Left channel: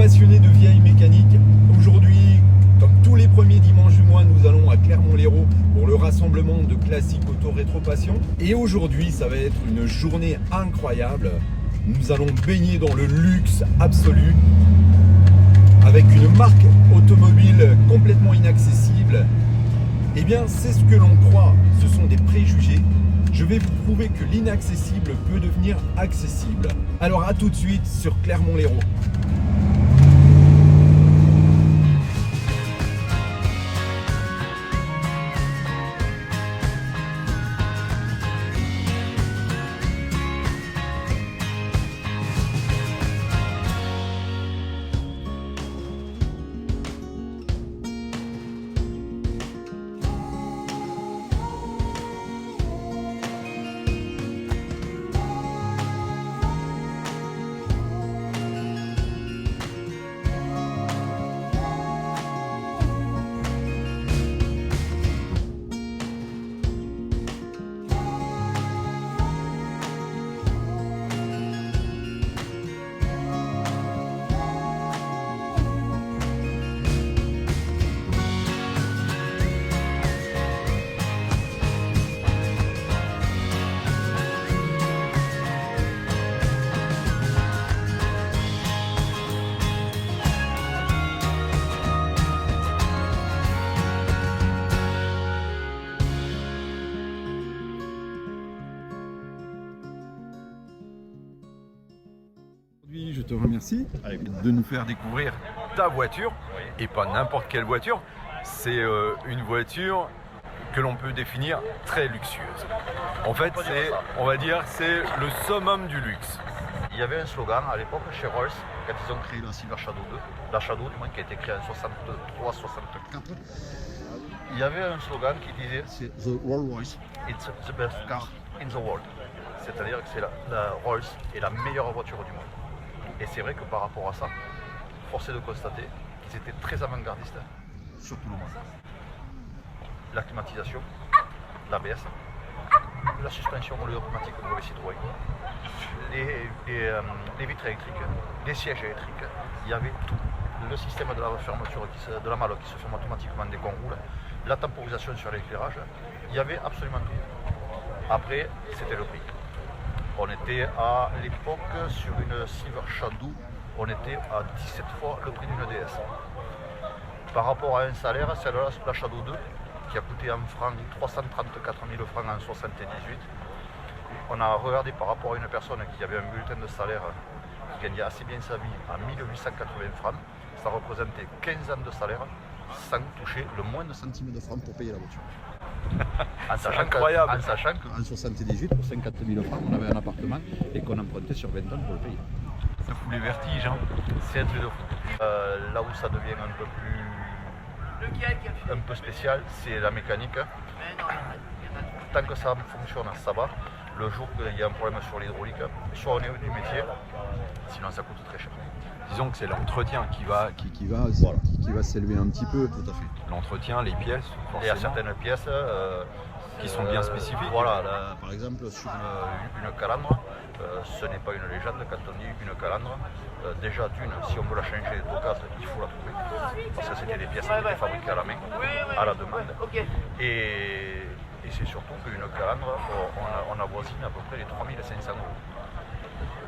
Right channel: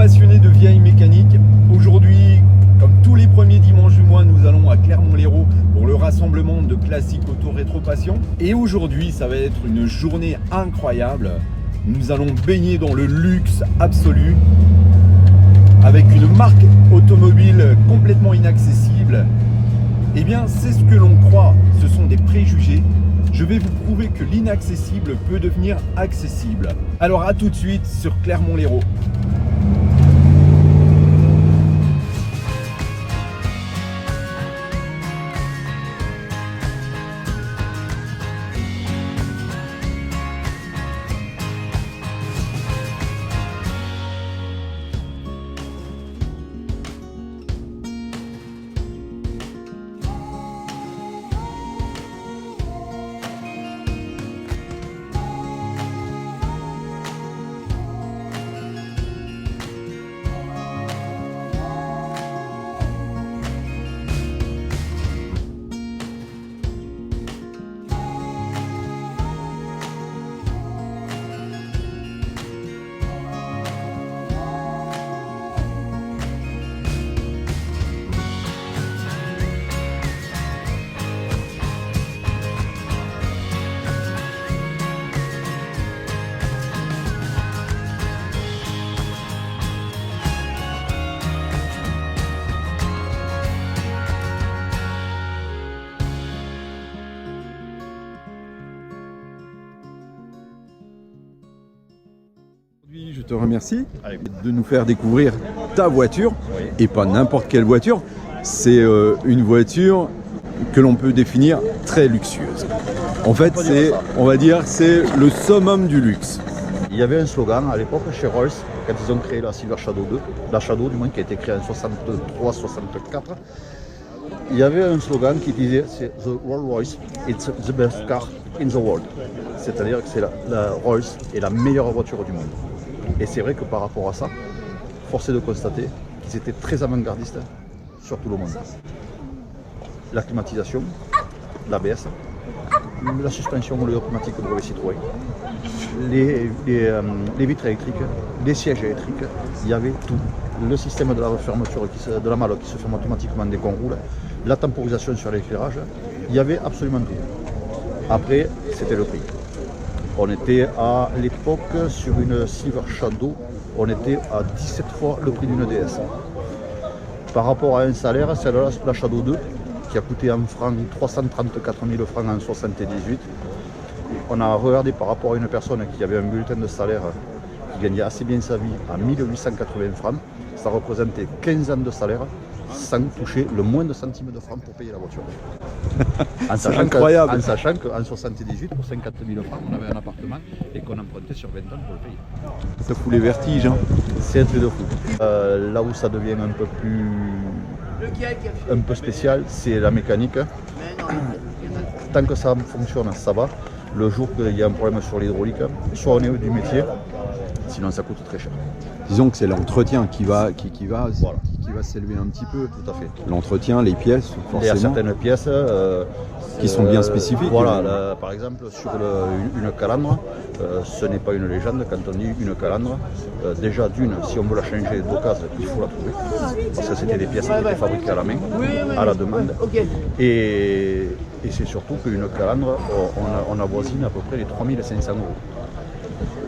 passionnés de vieilles mécaniques. Aujourd'hui, comme tous les premiers dimanches du mois, nous allons à Clermont-Lérault pour le rassemblement de classiques auto rétro passion. Et aujourd'hui, ça va être une journée incroyable. Nous allons baigner dans le luxe absolu avec une marque automobile complètement inaccessible. Eh bien, c'est ce que l'on croit, ce sont des préjugés. Je vais vous prouver que l'inaccessible peut devenir accessible. Alors à tout de suite sur Clermont-Lérault. Je te remercie de nous faire découvrir ta voiture, et pas n'importe quelle voiture. C'est une voiture que l'on peut définir très luxueuse. En fait, c'est, on va dire, c'est le summum du luxe. Il y avait un slogan à l'époque chez Rolls, quand ils ont créé la Silver Shadow 2, la Shadow du moins qui a été créée en 63-64. Il y avait un slogan qui disait c'est The Rolls-Royce, it's the best car in the world. C'est-à-dire que c'est la Rolls est la meilleure voiture du monde. Et c'est vrai que par rapport à ça, force est de constater qu'ils étaient très avant-gardistes sur tout le monde. La climatisation, l'ABS, la suspension automatique brevet Citroën, les vitres électriques, les sièges électriques, il y avait tout. Le système de la fermeture de la malle qui se ferme automatiquement dès qu'on roule, la temporisation sur l'éclairage, il y avait absolument tout. Après, c'était le prix. On était à l'époque sur une Silver Shadow, on était à 17 fois le prix d'une DS. Par rapport à un salaire, celle-là, la Shadow 2, qui a coûté en francs 334 000 francs en 78, on a regardé par rapport à une personne qui avait un bulletin de salaire qui gagnait assez bien sa vie à 1880 francs, ça représentait 15 ans de salaire sans toucher le moindre centime de francs pour payer la voiture. En sachant incroyable. En sachant qu'en 78, pour 50 000 francs, on avait un appartement et qu'on empruntait sur 20 ans pour le payer. Ça fout les vertiges, hein. C'est un truc de fou. Là où ça devient un peu spécial, c'est la mécanique. Tant que ça fonctionne, ça va. Le jour qu'il y a un problème sur l'hydraulique, soit on est du métier, sinon ça coûte très cher. Disons que c'est l'entretien qui va s'élever un petit peu. Tout à fait. L'entretien, les pièces, forcément. Il y a certaines pièces qui sont bien spécifiques. Voilà, par exemple sur une calandre, ce n'est pas une légende quand on dit une calandre. Déjà d'une, si on veut la changer d'occasion, il faut la trouver. Parce que c'était des pièces qui étaient fabriquées à la main, à la demande. Et c'est surtout qu'une calandre, on avoisine à peu près les 3 500 €.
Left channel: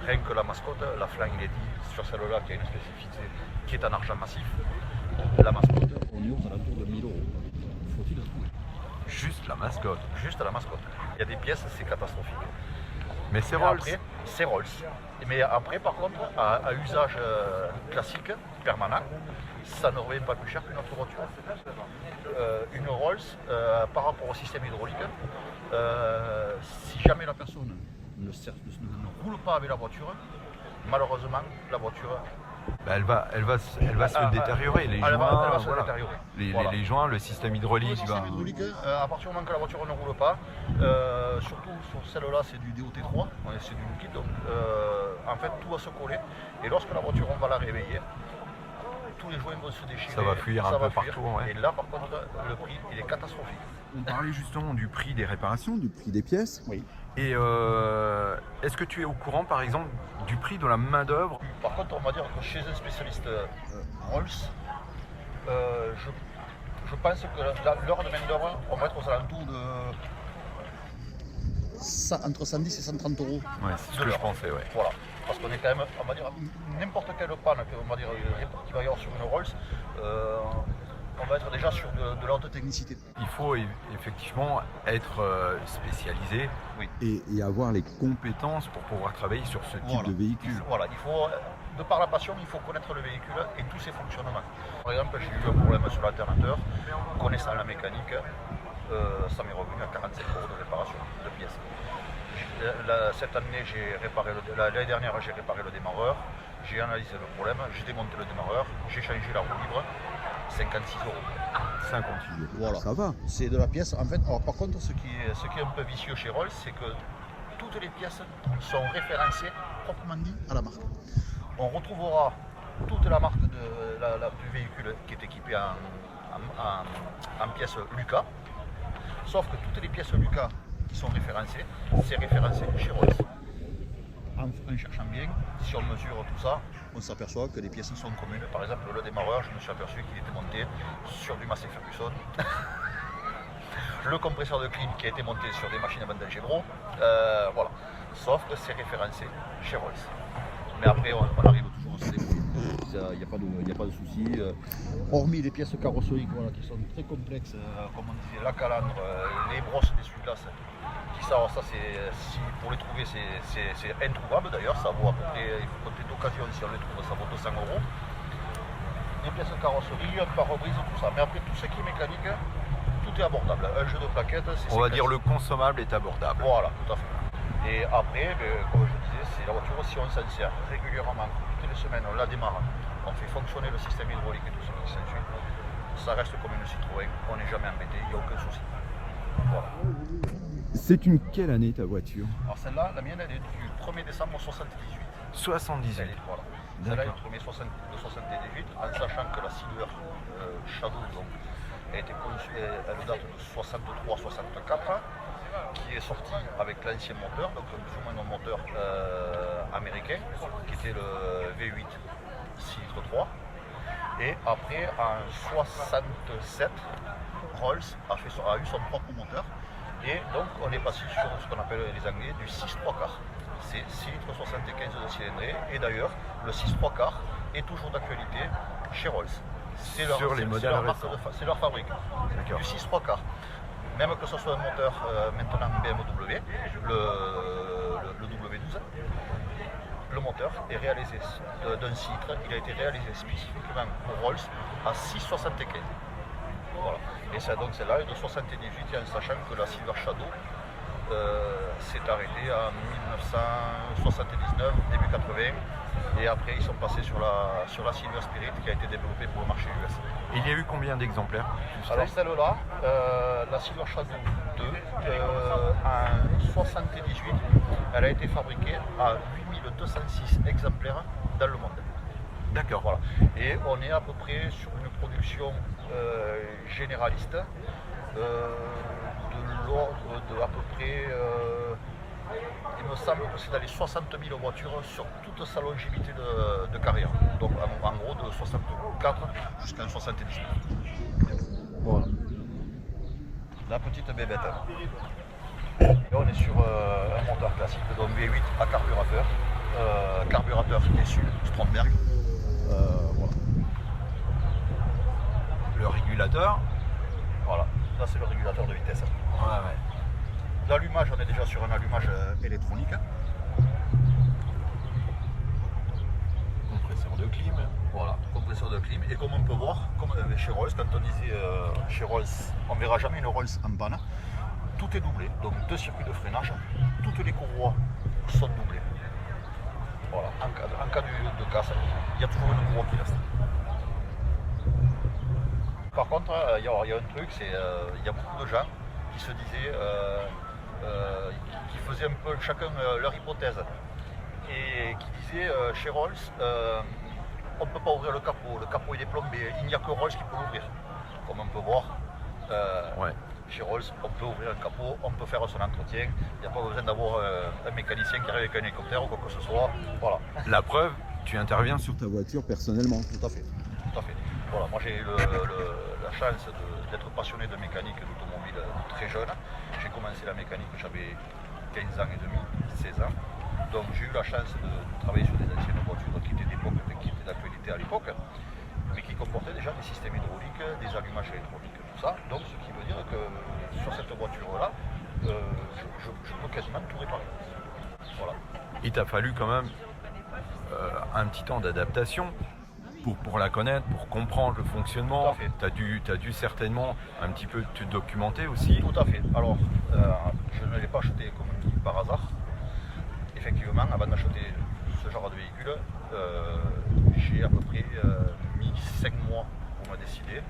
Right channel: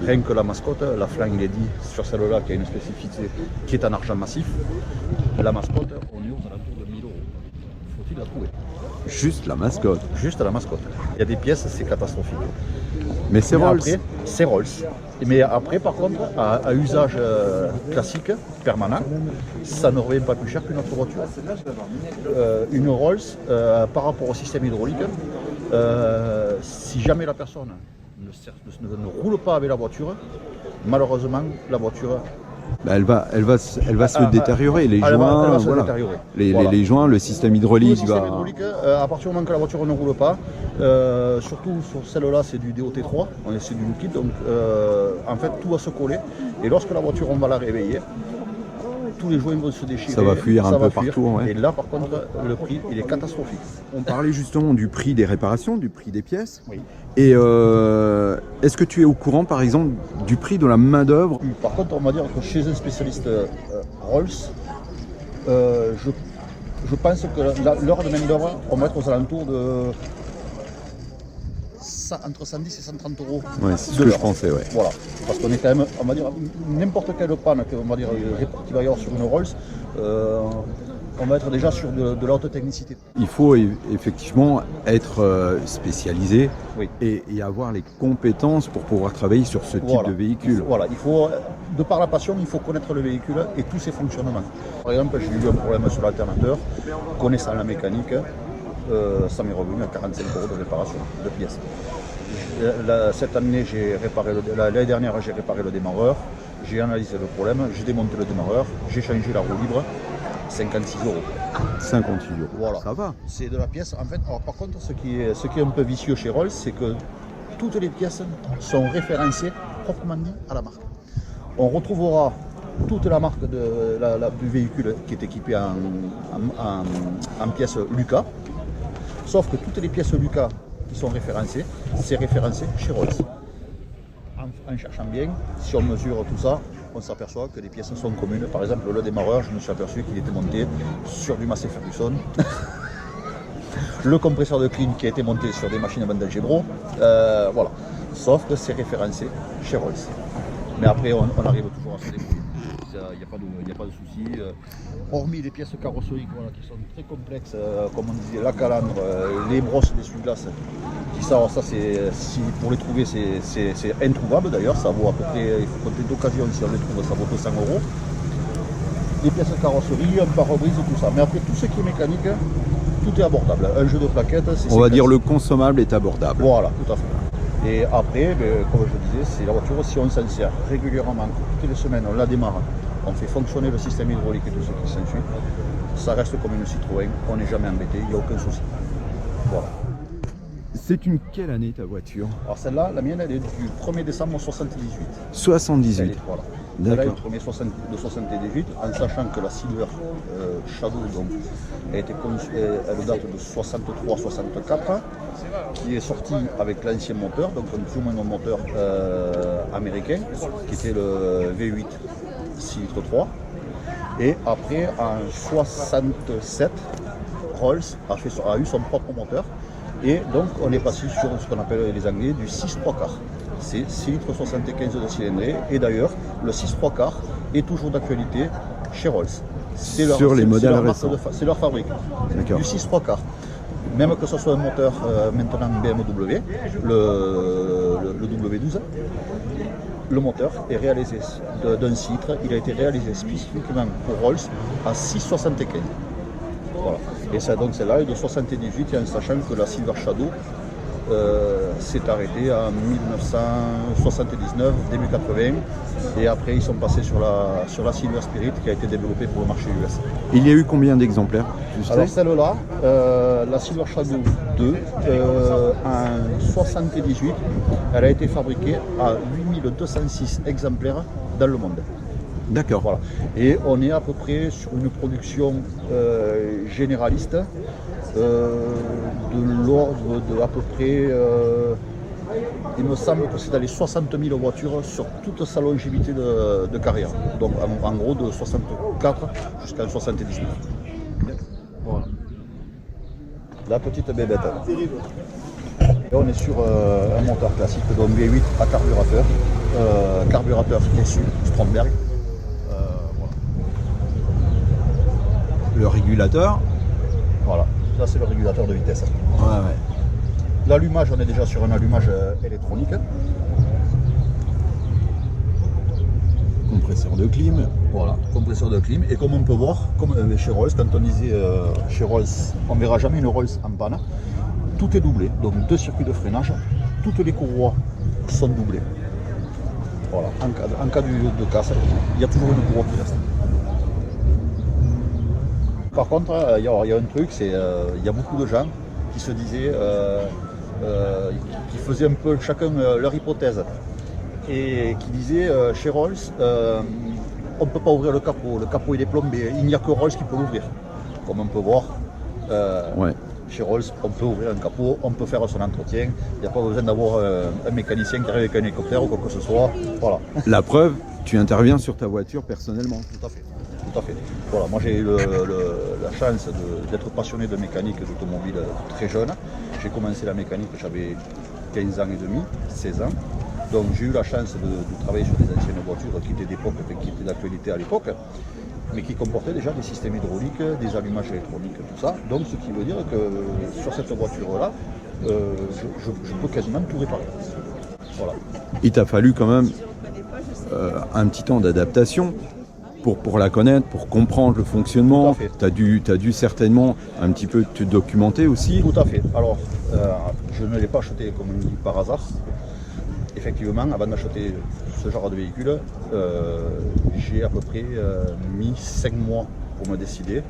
Rien que la mascotte, la Flying Lady, sur celle-là qui a une spécificité qui est en argent massif, la mascotte, on est aux alentours de 1 000 €. Faut-il la trouver? Juste la mascotte. Juste la mascotte. Il y a des pièces, c'est catastrophique. Mais c'est Rolls. C'est Rolls. Mais après, par contre, à usage classique, permanent, ça ne revient pas plus cher qu'une autre voiture. Une Rolls, par rapport au système hydraulique, si jamais la personne ne roule pas avec la voiture, malheureusement, la voiture... Elle va se détériorer, les joints, détériorer. Les joints, le système hydraulique. Le système hydraulique, à partir du moment que la voiture ne roule pas, surtout sur celle-là, c'est du DOT3, c'est du liquide, donc en fait tout va se coller. Et lorsque la voiture, on va la réveiller, tous les joints vont se déchirer. Ça va fuir ça un va peu partout. Ouais. Et là, par contre, le prix, il est catastrophique. On parlait justement du prix des réparations, du prix des pièces. Oui. Et est-ce que tu es au courant, par exemple, du prix de la main-d'œuvre? Par contre, on va dire que chez un spécialiste Rolls, je pense que l'heure de main-d'œuvre, on va être aux alentours de entre 110 et 130 euros. Ouais, c'est ce que je pensais, ouais. Voilà, parce qu'on est quand même, on va dire, n'importe quelle panne qu'il va y avoir sur une Rolls, on va être déjà sur de la haute technicité. Il faut effectivement être spécialisé Oui. et avoir les compétences pour pouvoir travailler sur ce type de véhicule. Voilà, il faut, de par la passion, il faut connaître le véhicule et tous ses fonctionnements. Par exemple, j'ai eu un problème sur l'alternateur, connaissant la mécanique, ça m'est revenu à 45 euros de réparation de pièces. Cette année, l'année dernière, j'ai réparé le démarreur, j'ai analysé le problème, j'ai démonté le démarreur, j'ai changé la roue libre, 56 euros. 58 euros, voilà. Ça va. C'est de la pièce. En fait, alors, par contre, ce qui est un peu vicieux chez Rolls, c'est que toutes les pièces sont référencées proprement dit à la marque. On retrouvera toute la marque du véhicule qui est équipé en pièces Lucas, sauf que toutes les pièces Lucas qui sont référencées, c'est référencé chez Rolls. En cherchant bien, si on mesure tout ça, on s'aperçoit que les pièces sont communes. Par exemple, le démarreur, je me suis aperçu qu'il était monté sur du Massey Ferguson. Le compresseur de clim qui a été monté sur des machines à bande Algebro. Voilà. Sauf que c'est référencé chez Rolls. Mais après, on arrive toujours à se débrouiller. Il n'y a pas de souci. Hormis les pièces carrossériques qui sont très complexes, comme on disait, la calandre, les brosses d'essuie-glace, ça pour les trouver, c'est introuvable d'ailleurs. Ça vaut à peu près, il faut compter d'occasion, si on les trouve, ça vaut 200 euros. Les pièces carrosserie, un pare-brise, tout ça. Mais après, tout ce qui est mécanique, tout est abordable. Un jeu de plaquettes, on va dire le consommable est abordable. Voilà, tout à fait. Et après, comme je disais, c'est la voiture, si on s'en sert régulièrement, toutes les semaines, on la démarre, on fait fonctionner le système hydraulique et tout ce qui s'ensuit, ça reste comme une Citroën, on n'est jamais embêté, il n'y a aucun souci. Voilà. C'est une quelle année ta voiture? Alors celle-là, la mienne, elle est du 1er décembre 78. 78. Voilà. Celle-là est du 1er de 78, en sachant que la Silver Shadow, donc, elle date de 63-64, qui est sortie avec l'ancien moteur, donc un plus ou moins un moteur américain, qui était le V8 6 litres 3. Et après, en 67, Rolls a eu son propre moteur. Et donc, on est passé sur ce qu'on appelle les Anglais du 6 3 quarts. C'est 6 litres 75 de cylindrée. Et d'ailleurs, le 6 3 quarts est toujours d'actualité chez Rolls. Sur les modèles récents. C'est leur fabrique. Du 6 3 quarts. Même que ce soit un moteur maintenant BMW, le W12, le moteur est réalisé d'un citre. Il a été réalisé spécifiquement pour Rolls à 6,75. Voilà. Et ça, donc celle-là est de 78, en sachant que la Silver Shadow s'est arrêtée en 1979, début 80. Et après, ils sont passés sur la Silver Spirit qui a été développée pour le marché US. Il y a eu combien d'exemplaires? Alors celle-là, la Silver Shadow 2, en 78, elle a été fabriquée à 8206 exemplaires dans le monde. D'accord. Voilà. Et on est à peu près sur une production généraliste de l'ordre de à peu près, il me semble que c'est dans les 60 000 voitures sur toute sa longévité de carrière. Donc en gros de 64 jusqu'à 79. Voilà. La petite bébête. Et on est sur un moteur classique, donc V8 à carburateur. Carburateur issu Stromberg. Voilà. Le régulateur. Voilà, ça c'est le régulateur de vitesse. Ouais. L'allumage, on est déjà sur un allumage électronique. Compresseur de clim. Voilà, compresseur de clim. Et comme on peut voir, comme chez Rolls, quand on disait chez Rolls, on ne verra jamais une Rolls en panne. Tout est doublé, donc 2 circuits de freinage, toutes les courroies sont doublées. Voilà, en cas de casse, il y a toujours une courroie qui reste. Par contre, il y a un truc, c'est il y a beaucoup de gens qui se disaient, qui faisaient un peu chacun leur hypothèse, et qui disaient chez Rolls, on ne peut pas ouvrir le capot il est plombé, il n'y a que Rolls qui peut l'ouvrir. Comme on peut voir, Ouais. chez Rolls, on peut ouvrir un capot, on peut faire son entretien, il n'y a pas besoin d'avoir un mécanicien qui arrive avec un hélicoptère ou quoi que ce soit. Voilà. La preuve, tu interviens sur ta voiture personnellement. Tout à fait. Tout à fait. Voilà, moi j'ai eu la chance d'être passionné de mécanique et d'automobile très jeune. J'ai commencé la mécanique, j'avais 15 ans et demi, 16 ans. Donc j'ai eu la chance de travailler sur des anciennes voitures qui étaient d'époque, qui étaient d'actualité à l'époque, mais qui comportaient déjà des systèmes hydrauliques, des allumages électroniques, tout ça. Donc ce qui veut dire que sur cette voiture-là, je peux quasiment tout réparer. Voilà. Il t'a fallu quand même un petit temps d'adaptation pour la connaître, pour comprendre le fonctionnement. Tout à fait. T'as dû certainement un petit peu te documenter aussi. Tout à fait. Alors, je ne l'ai pas acheté, comme on dit, par hasard. Effectivement, avant d'acheter ce genre de véhicule, j'ai à peu près mis 5 mois pour me décider.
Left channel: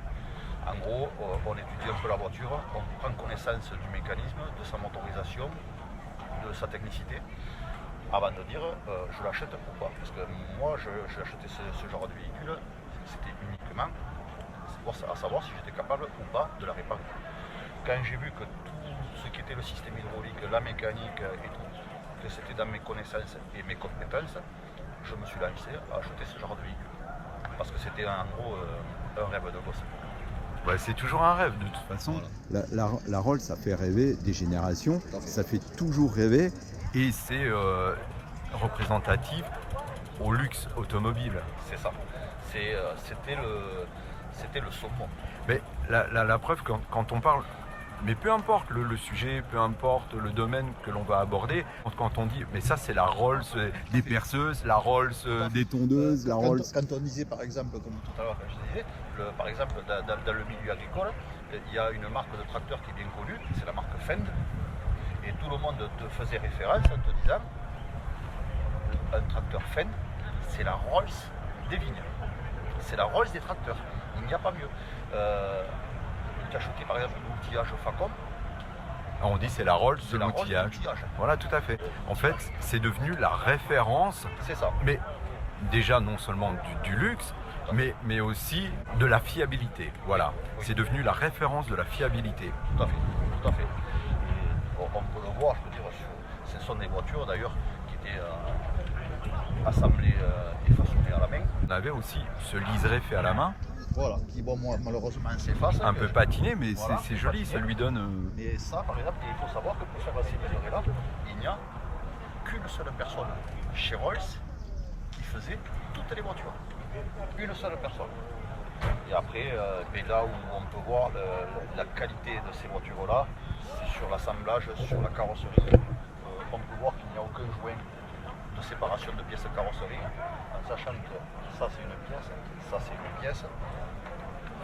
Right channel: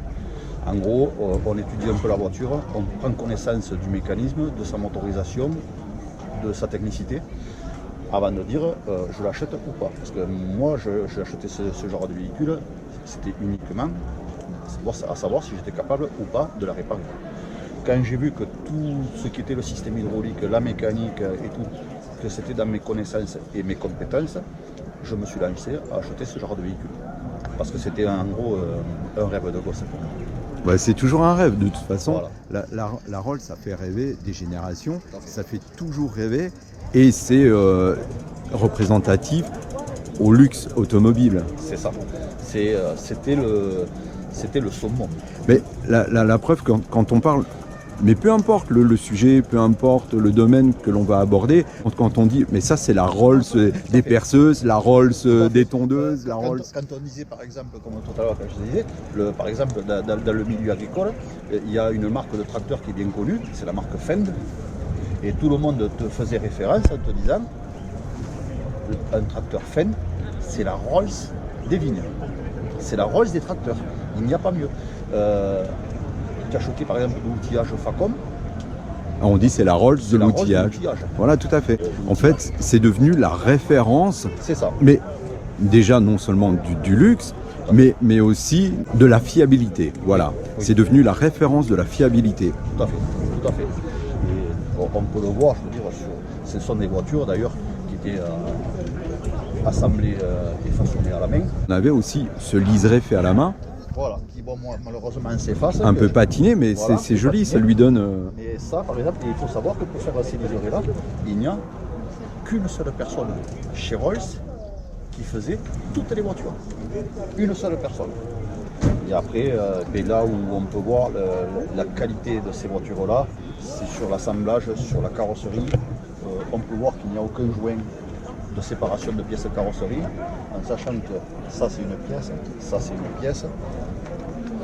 En gros, on étudie un peu la voiture, on prend connaissance du mécanisme, de sa motorisation, de sa technicité, avant de dire je l'achète ou pas. Parce que moi, j'ai acheté ce genre de véhicule, c'était uniquement à savoir si j'étais capable ou pas de la réparer. Quand j'ai vu que tout ce qui était le système hydraulique, la mécanique et tout, que c'était dans mes connaissances et mes compétences, je me suis lancé à acheter ce genre de véhicule. Parce que c'était en gros un rêve de gosse pour moi. Bah, c'est toujours un rêve de toute façon. Voilà. La Rolls, ça fait rêver des générations, ça fait toujours rêver et c'est représentatif au luxe automobile. C'est ça. C'était le summum. Mais la preuve, quand on parle, mais peu importe le sujet, peu importe le domaine que l'on va aborder, quand on dit, mais ça c'est la Rolls des perceuses, la Rolls des tondeuses, la Rolls... Quand on disait par exemple, comme tout à l'heure quand je disais, par exemple dans le milieu agricole, il y a une marque de tracteur qui est bien connue, c'est la marque Fend, et tout le monde te faisait référence en te disant, un tracteur Fend, c'est la Rolls des vignes, c'est la Rolls des tracteurs, il n'y a pas mieux. Tu as acheté par exemple l'outillage Facom. On dit c'est la Rolls de l'outillage. Voilà, tout à fait. En fait, c'est devenu la référence. C'est ça. Mais déjà non seulement du luxe, mais aussi de la fiabilité. Voilà. Oui. C'est devenu la référence de la fiabilité. Tout à fait. Tout à fait. Et on peut le voir, je veux dire, ce sont des voitures d'ailleurs qui étaient assemblées et façonnées à la main. On avait aussi ce liseré fait à la main. Voilà, qui bon, moi, malheureusement s'efface. Un peu patiné, mais voilà, c'est joli, patiné. Ça lui donne... Et ça, par exemple, il faut savoir que pour faire ces liserés-là, il n'y a qu'une seule personne chez Rolls qui faisait toutes les voitures. Une seule personne. Et après, là où on peut voir la qualité de ces voitures-là, c'est sur l'assemblage, sur la carrosserie. On peut voir qu'il n'y a aucun joint de séparation de pièces de carrosserie, en sachant que ça c'est une pièce, ça c'est une pièce,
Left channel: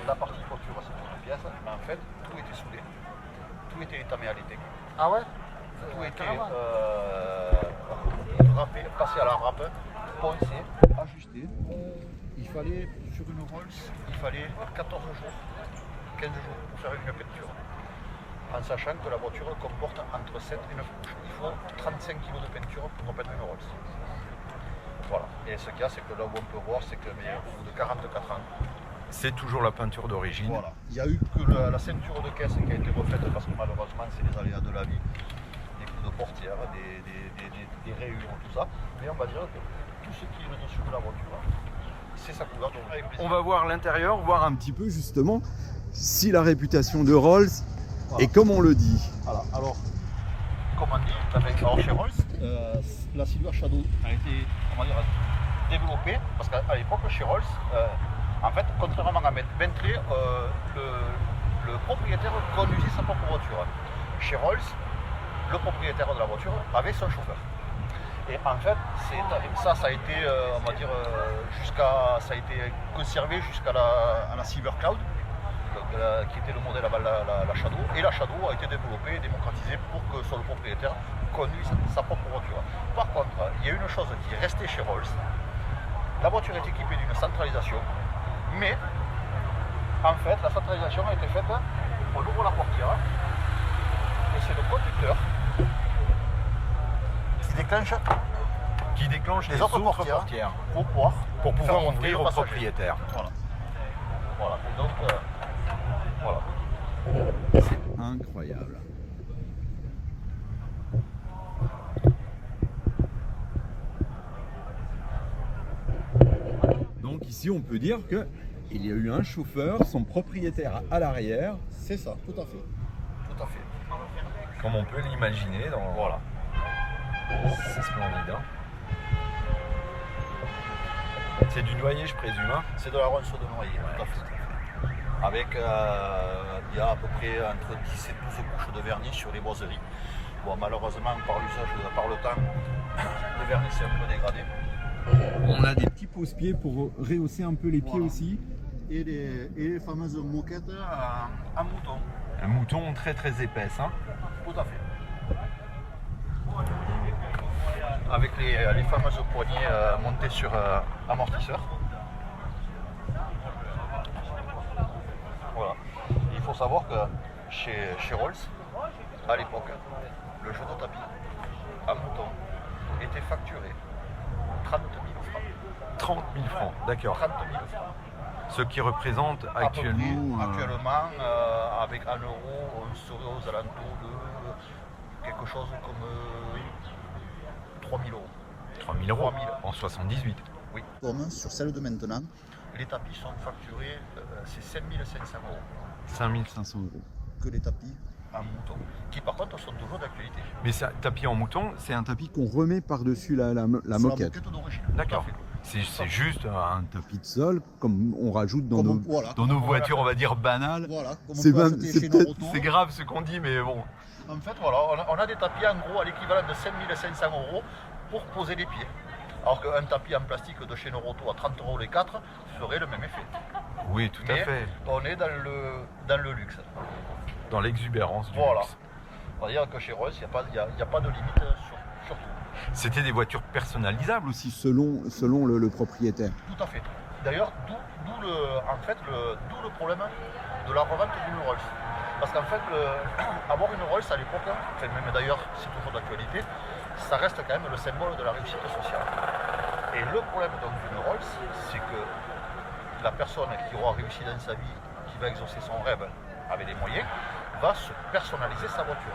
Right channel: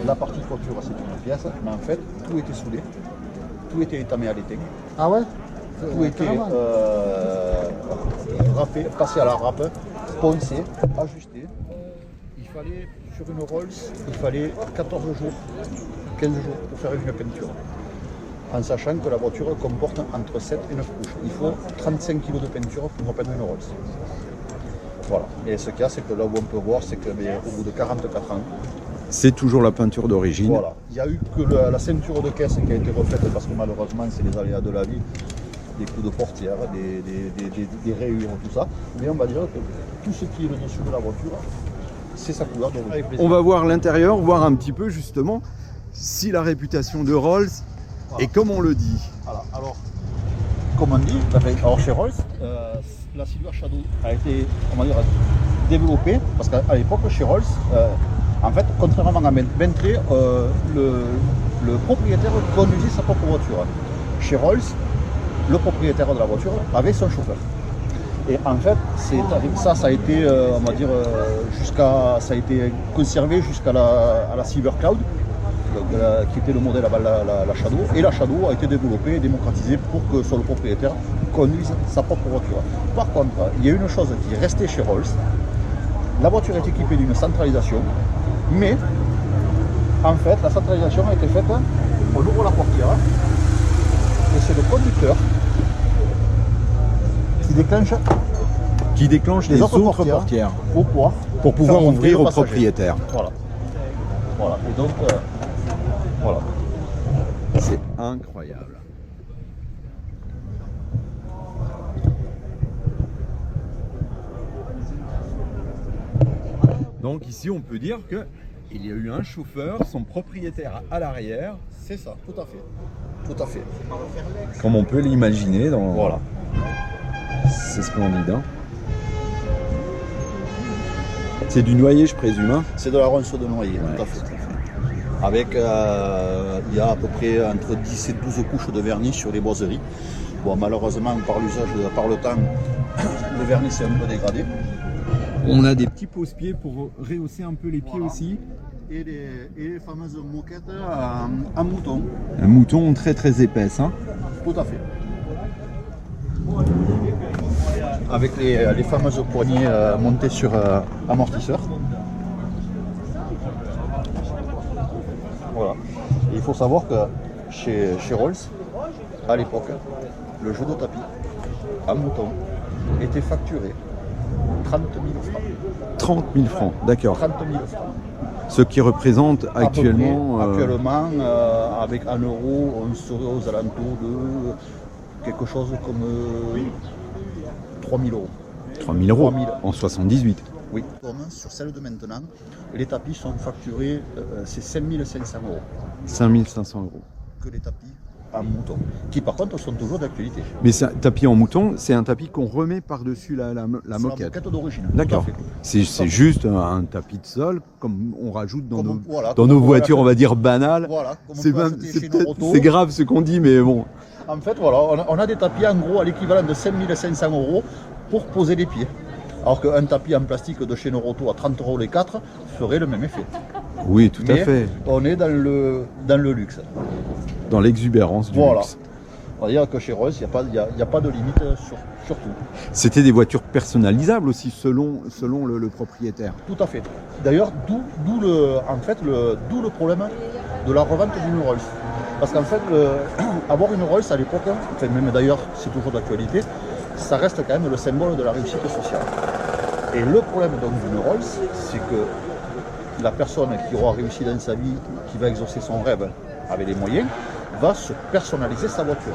la partie toiture c'est une pièce, mais en fait tout était soudé, tout était étamé à l'étain. Ah ouais? Tout était râpé, passé à la râpe, poncé, ajusté. Il fallait, sur une Rolls, il fallait 14 jours, 15 jours pour faire une peinture. En sachant que la voiture comporte entre 7 et 9 couches. Il faut 35 kg de peinture pour repeindre une Rolls. Voilà. Et ce qu'il y a, c'est que là où on peut voir, c'est qu'au bout de 44 ans, c'est toujours la peinture d'origine. Voilà. Il n'y a eu que la ceinture de caisse qui a été refaite parce que malheureusement, c'est les aléas de la vie, des coups de portière, des rayures, tout ça. Mais on va dire que tout ce qui est le dessus de la voiture, c'est sa couleur d'origine. On va voir l'intérieur, voir un petit peu justement si la réputation de Rolls... Voilà. Et comme on le dit. Voilà. Alors, comme on dit, alors chez Rolls, la Silver Shadow a été, on va dire, développée parce qu'à l'époque, chez Rolls, en fait, contrairement à Bentley, le propriétaire conduisait sa propre voiture. Chez Rolls, le propriétaire de la voiture avait son chauffeur. Et en fait, ça a été, on va dire, ça a été conservé jusqu'à la Silver Cloud, qui était le modèle avant la Shadow, et la Shadow a été développée et démocratisée pour que soit le propriétaire conduise sa propre voiture. Par contre, il y a une chose qui est restée chez Rolls, la voiture est équipée d'une centralisation, mais en fait la centralisation a été faite, on ouvre la portière et c'est le conducteur qui déclenche les autres portières pour pouvoir Pour pouvoir faire monter ouvrir le au passager. propriétaire. Voilà. Voilà. Et donc, voilà. C'est incroyable. Donc ici, on peut dire que il y a eu un chauffeur, son propriétaire à l'arrière, C'est ça, tout à fait. Tout à fait. comme on peut l'imaginer. Voilà. C'est splendide. Hein. C'est du noyer, je présume. Hein. C'est de la ronce de noyer, Ouais. tout à fait. Avec, il y a à peu près entre 10 et 12 couches de vernis sur les boiseries. Bon, malheureusement, par l'usage, par le temps, le vernis s'est un peu dégradé. On a des petits pose-pieds pour rehausser un peu les pieds Voilà. aussi. Et les fameuses moquettes en mouton. Un mouton très très épaisse. Hein. Tout à fait. Avec les fameuses poignées montées sur amortisseur. Voilà. Et il faut savoir que chez Rolls, à l'époque, le jeu de tapis en mouton était facturé 30 000 francs. 30 000 francs, d'accord. 30 000 francs. Ce qui représente À peu actuellement... près, actuellement, avec un euro, on serait aux alentours de quelque chose comme 3 000 euros. 3 000 euros 3 000. en 78. Oui. Comme sur celle de maintenant, les tapis sont facturés, c'est 5 500 euros 5 500 euros. que les tapis en mouton, qui par contre sont toujours d'actualité. Mais c'est un tapis en mouton, c'est un tapis qu'on remet par-dessus la C'est la moquette. moquette d'origine. tout D'accord. à fait. C'est juste un tapis de sol, comme on rajoute dans Comme nos, on- voilà, dans comme nos on peut voitures, on l'acheter. va dire banales. Voilà, comme on C'est peut même- acheter c'est chez peut-être- Noroto. c'est grave ce qu'on dit, mais bon. En fait, voilà, on a des tapis en gros à l'équivalent de 5 500 euros pour poser les pieds. Alors qu'un tapis en plastique de chez Noroto à 30 euros les 4 ferait le même effet. Oui, tout à Mais fait. on est dans le luxe. Dans l'exubérance du Voilà. luxe. On va dire que chez Rolls, il n'y a pas de limite sur tout. C'était des voitures personnalisables aussi, selon le propriétaire. Tout à fait. D'ailleurs, d'où le problème de la revente d'une Rolls. Parce qu'en fait, avoir une Rolls à l'époque, enfin même d'ailleurs c'est toujours d'actualité, ça reste quand même le symbole de la réussite sociale. Et le problème donc d'une Rolls, c'est que la personne qui aura réussi dans sa vie, qui va exaucer son rêve avec les moyens, va se personnaliser sa voiture.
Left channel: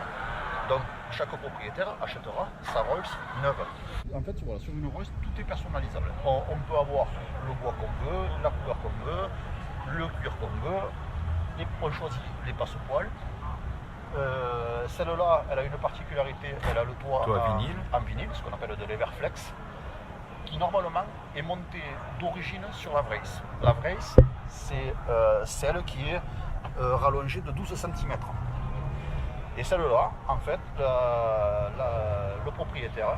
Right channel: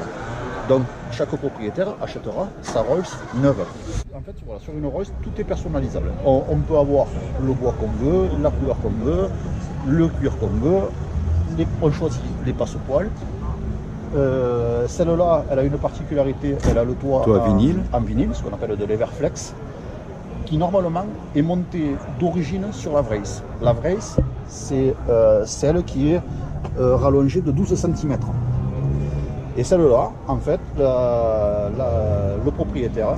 Donc chaque propriétaire achètera sa Rolls neuve. En fait, voilà, sur une Rolls, tout est personnalisable. On peut avoir le bois qu'on veut, la couleur qu'on veut, le cuir qu'on veut, on choisit les passepoils. Celle-là, elle a une particularité, elle a le toit Vinyle. en vinyle, ce qu'on appelle de l'Everflex, qui normalement est monté d'origine sur la Vrace. La Vrace, c'est celle qui est rallongée de 12 cm. Et celle-là, en fait, le propriétaire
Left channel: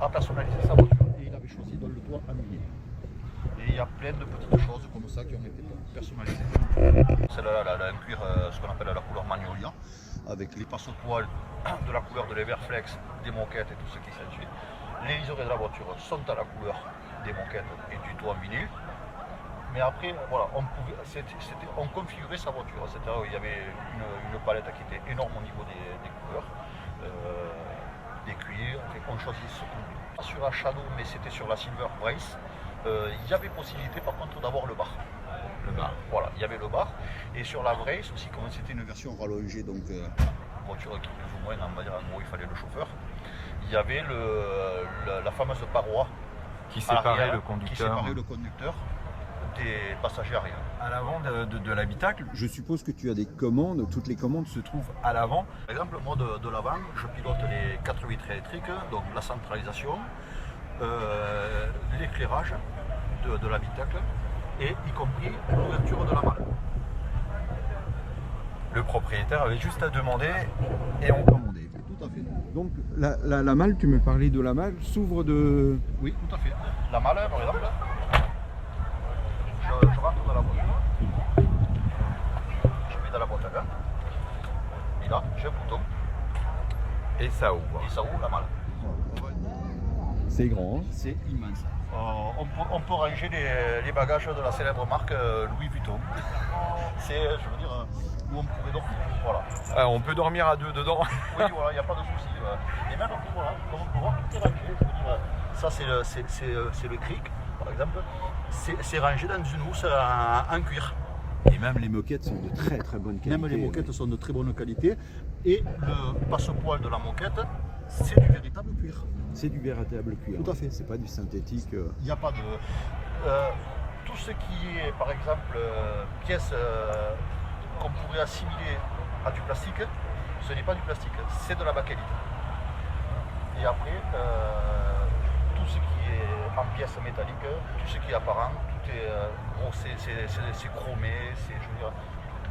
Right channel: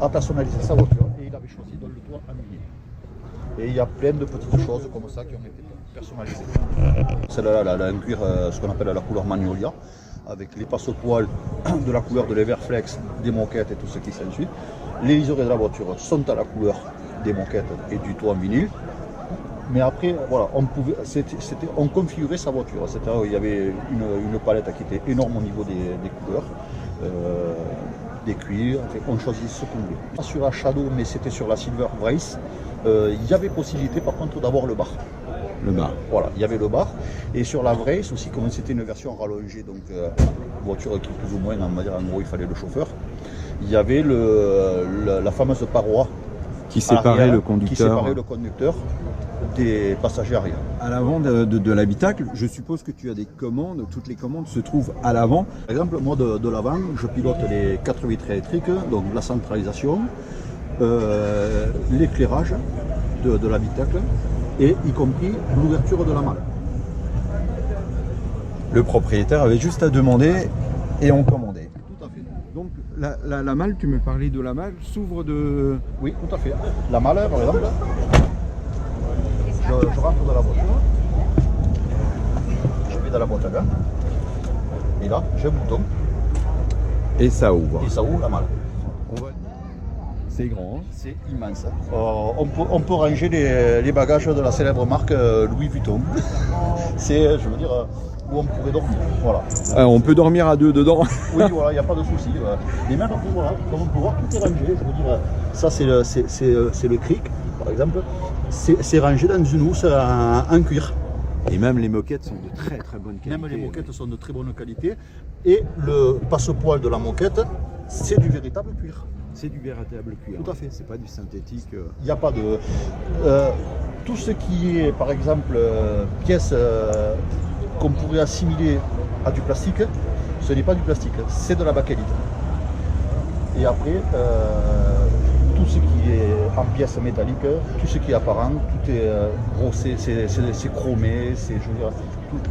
a personnalisé sa voiture et il avait choisi donc le toit en vinyle. Et il y a plein de petites choses comme ça qui ont été personnalisées. Celle-là, elle a un cuir, ce qu'on appelle la couleur Magnolia, avec les passepoils de la couleur de l'Everflex, des moquettes et tout ce qui s'ensuit. Les liserés de la voiture sont à la couleur des moquettes et du toit en vinyle. Mais après, voilà, on configurait sa voiture. C'est-à-dire il y avait une palette qui était énorme au niveau des couleurs, des cuirs. Enfin, on choisit ce qu'on voulait. Pas sur la Shadow, mais c'était sur la Silver Vrace. Il y avait possibilité par contre d'avoir le bar. Le bar. Voilà, il y avait le bar. Et sur la Vrace aussi, comme c'était une version rallongée, donc voiture qui plus ou moins, on va dire en gros, il fallait le chauffeur. Il y avait la fameuse paroi Qui séparait arrière, le conducteur. qui séparait le conducteur des passagers arrière. À l'avant de l'habitacle, je suppose que tu as des commandes. Toutes les commandes se trouvent à l'avant. Par exemple, moi de l'avant, je pilote les 4 vitres électriques, donc la centralisation, l'éclairage de l'habitacle et y compris l'ouverture de la malle. Le propriétaire avait juste à demander et on commandait. Tout à fait. Donc la malle, tu me parlais de la malle, s'ouvre de... Oui, tout à fait. La malle, par exemple, je rentre dans la voiture, je vais dans la boîte à gants, et là, j'ai un bouton, Et ça ouvre. et ça ouvre la malle. C'est grand. Hein. C'est immense. On peut ranger les bagages de la célèbre marque Louis Vuitton. C'est, je veux dire, où on pourrait dormir. Voilà. On peut dormir à deux dedans. Oui, voilà, il n'y a pas de souci. Et même, voilà, comme on peut voir, tout est rangé. Je veux dire, ça, c'est le cric. par exemple, c'est rangé dans une housse en cuir. Et même les moquettes sont de très très bonne qualité. Même les moquettes sont de très bonne qualité. Et le passe-poil de la moquette, c'est du véritable cuir. C'est du véritable cuir. Tout à fait. C'est pas du synthétique. Il n'y a pas de... tout ce qui est, par exemple, pièces qu'on pourrait assimiler à du plastique, ce n'est pas du plastique, c'est de la bakélite. Et après, tout ce qui est en pièces métalliques, tout ce qui est apparent, tout est brossé, c'est chromé, c'est, je veux dire,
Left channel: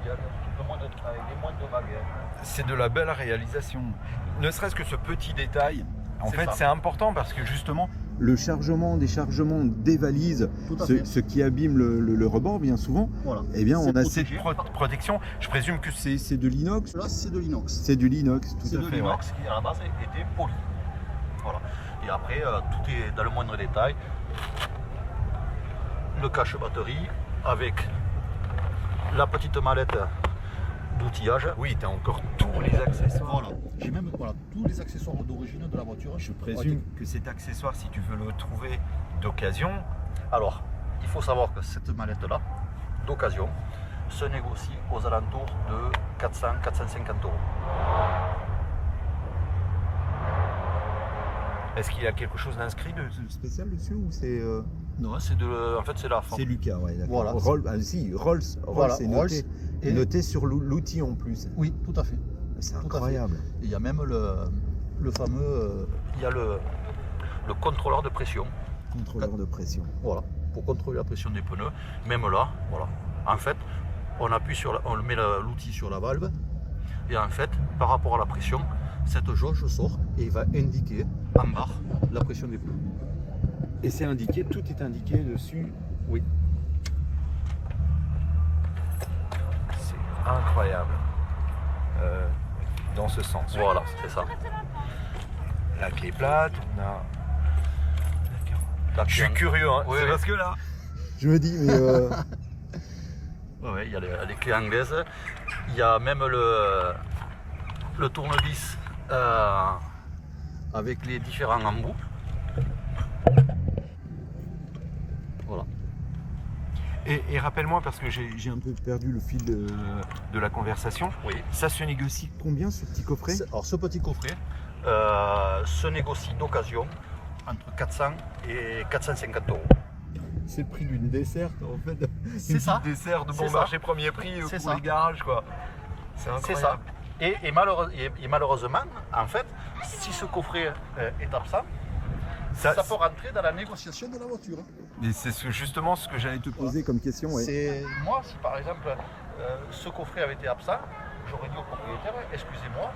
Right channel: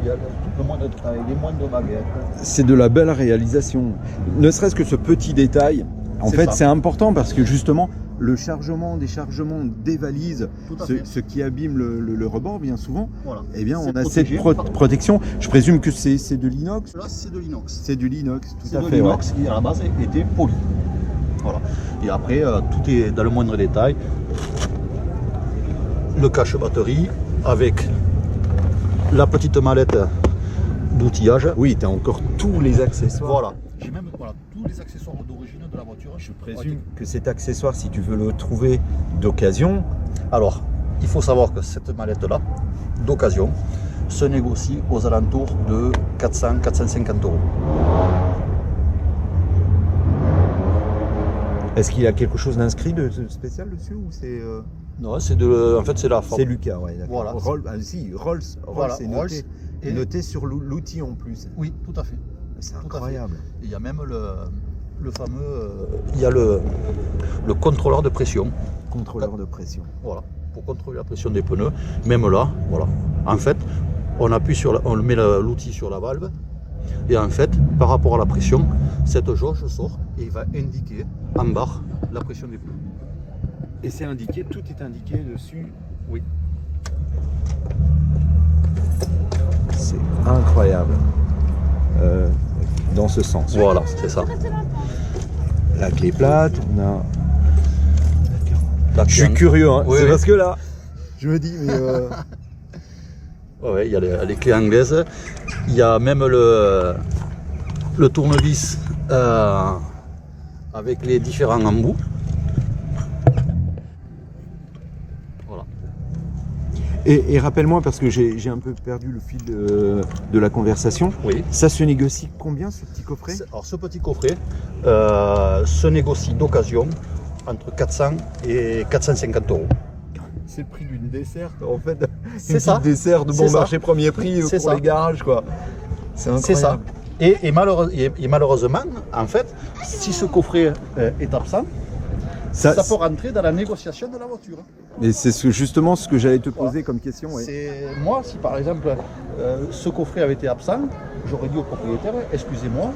il y a tout le moindre détail, les moindres baguettes. C'est de la belle réalisation. Ne serait-ce que ce petit détail, en C'est fait, ça. c'est important parce que justement, le chargement, déchargement des valises, Tout à fait. ce qui abîme le rebord bien souvent, Voilà. eh bien, C'est on a protégé. cette protection. Je présume que c'est de l'inox. Là, c'est de l'inox. C'est du l'inox, tout C'est à de fait. l'inox qui, à la base, était poli. Voilà. Et après, tout est dans le moindre détail. Le cache batterie avec la petite mallette d'outillage. Oui, tu as encore tous les accessoires. Voilà. J'ai même tous les accessoires d'origine de la voiture. Je présume que cet accessoire, si tu veux le trouver d'occasion, Alors, il faut savoir que cette mallette-là, d'occasion, se négocie aux alentours de 400-450 €. est-ce qu'il y a quelque chose d'inscrit de spécial dessus ou c'est Non, en fait, c'est la forme. c'est Lucas, ouais, d'accord. Voilà. Rolls, Voilà, c'est Rolls noté, et- noté sur l'outil en plus. Oui, tout à fait. C'est Tout à fait. incroyable. Il y a même le fameux, il y a le contrôleur de pression, Contrôleur de pression. voilà, pour contrôler la pression des pneus. Même là, voilà. En fait, on appuie on met l'outil sur la valve, et en fait, par rapport à la pression, cette jauge sort et il va indiquer en barre la pression des pneus. Et c'est indiqué, tout est indiqué dessus. Oui. C'est incroyable. Dans ce sens. Voilà, c'est ça. La clé plate, on a. La Je suis clé- curieux, hein. Oui, C'est oui. parce que là, je me dis, mais Ouais, il y a les clés anglaises. Il y a même le tournevis avec les différents embouts. Voilà. et rappelle-moi parce que j'ai un peu perdu le fil de la conversation. Oui. Ça se négocie combien ce petit coffret? Alors ce petit coffret se négocie d'occasion entre 400 et 450 €. C'est le prix d'une desserte en fait. C'est Une ça. petite dessert de C'est bon ça. marché premier prix C'est pour ça. les garages quoi. C'est incroyable. C'est ça. Et malheureusement, en fait, si ce coffret est absent, ça peut rentrer dans la négociation de la voiture. Et c'est justement ce que j'allais te poser comme question. Ouais. C'est moi, si par exemple ce coffret avait été absent, j'aurais dit au propriétaire, excusez-moi,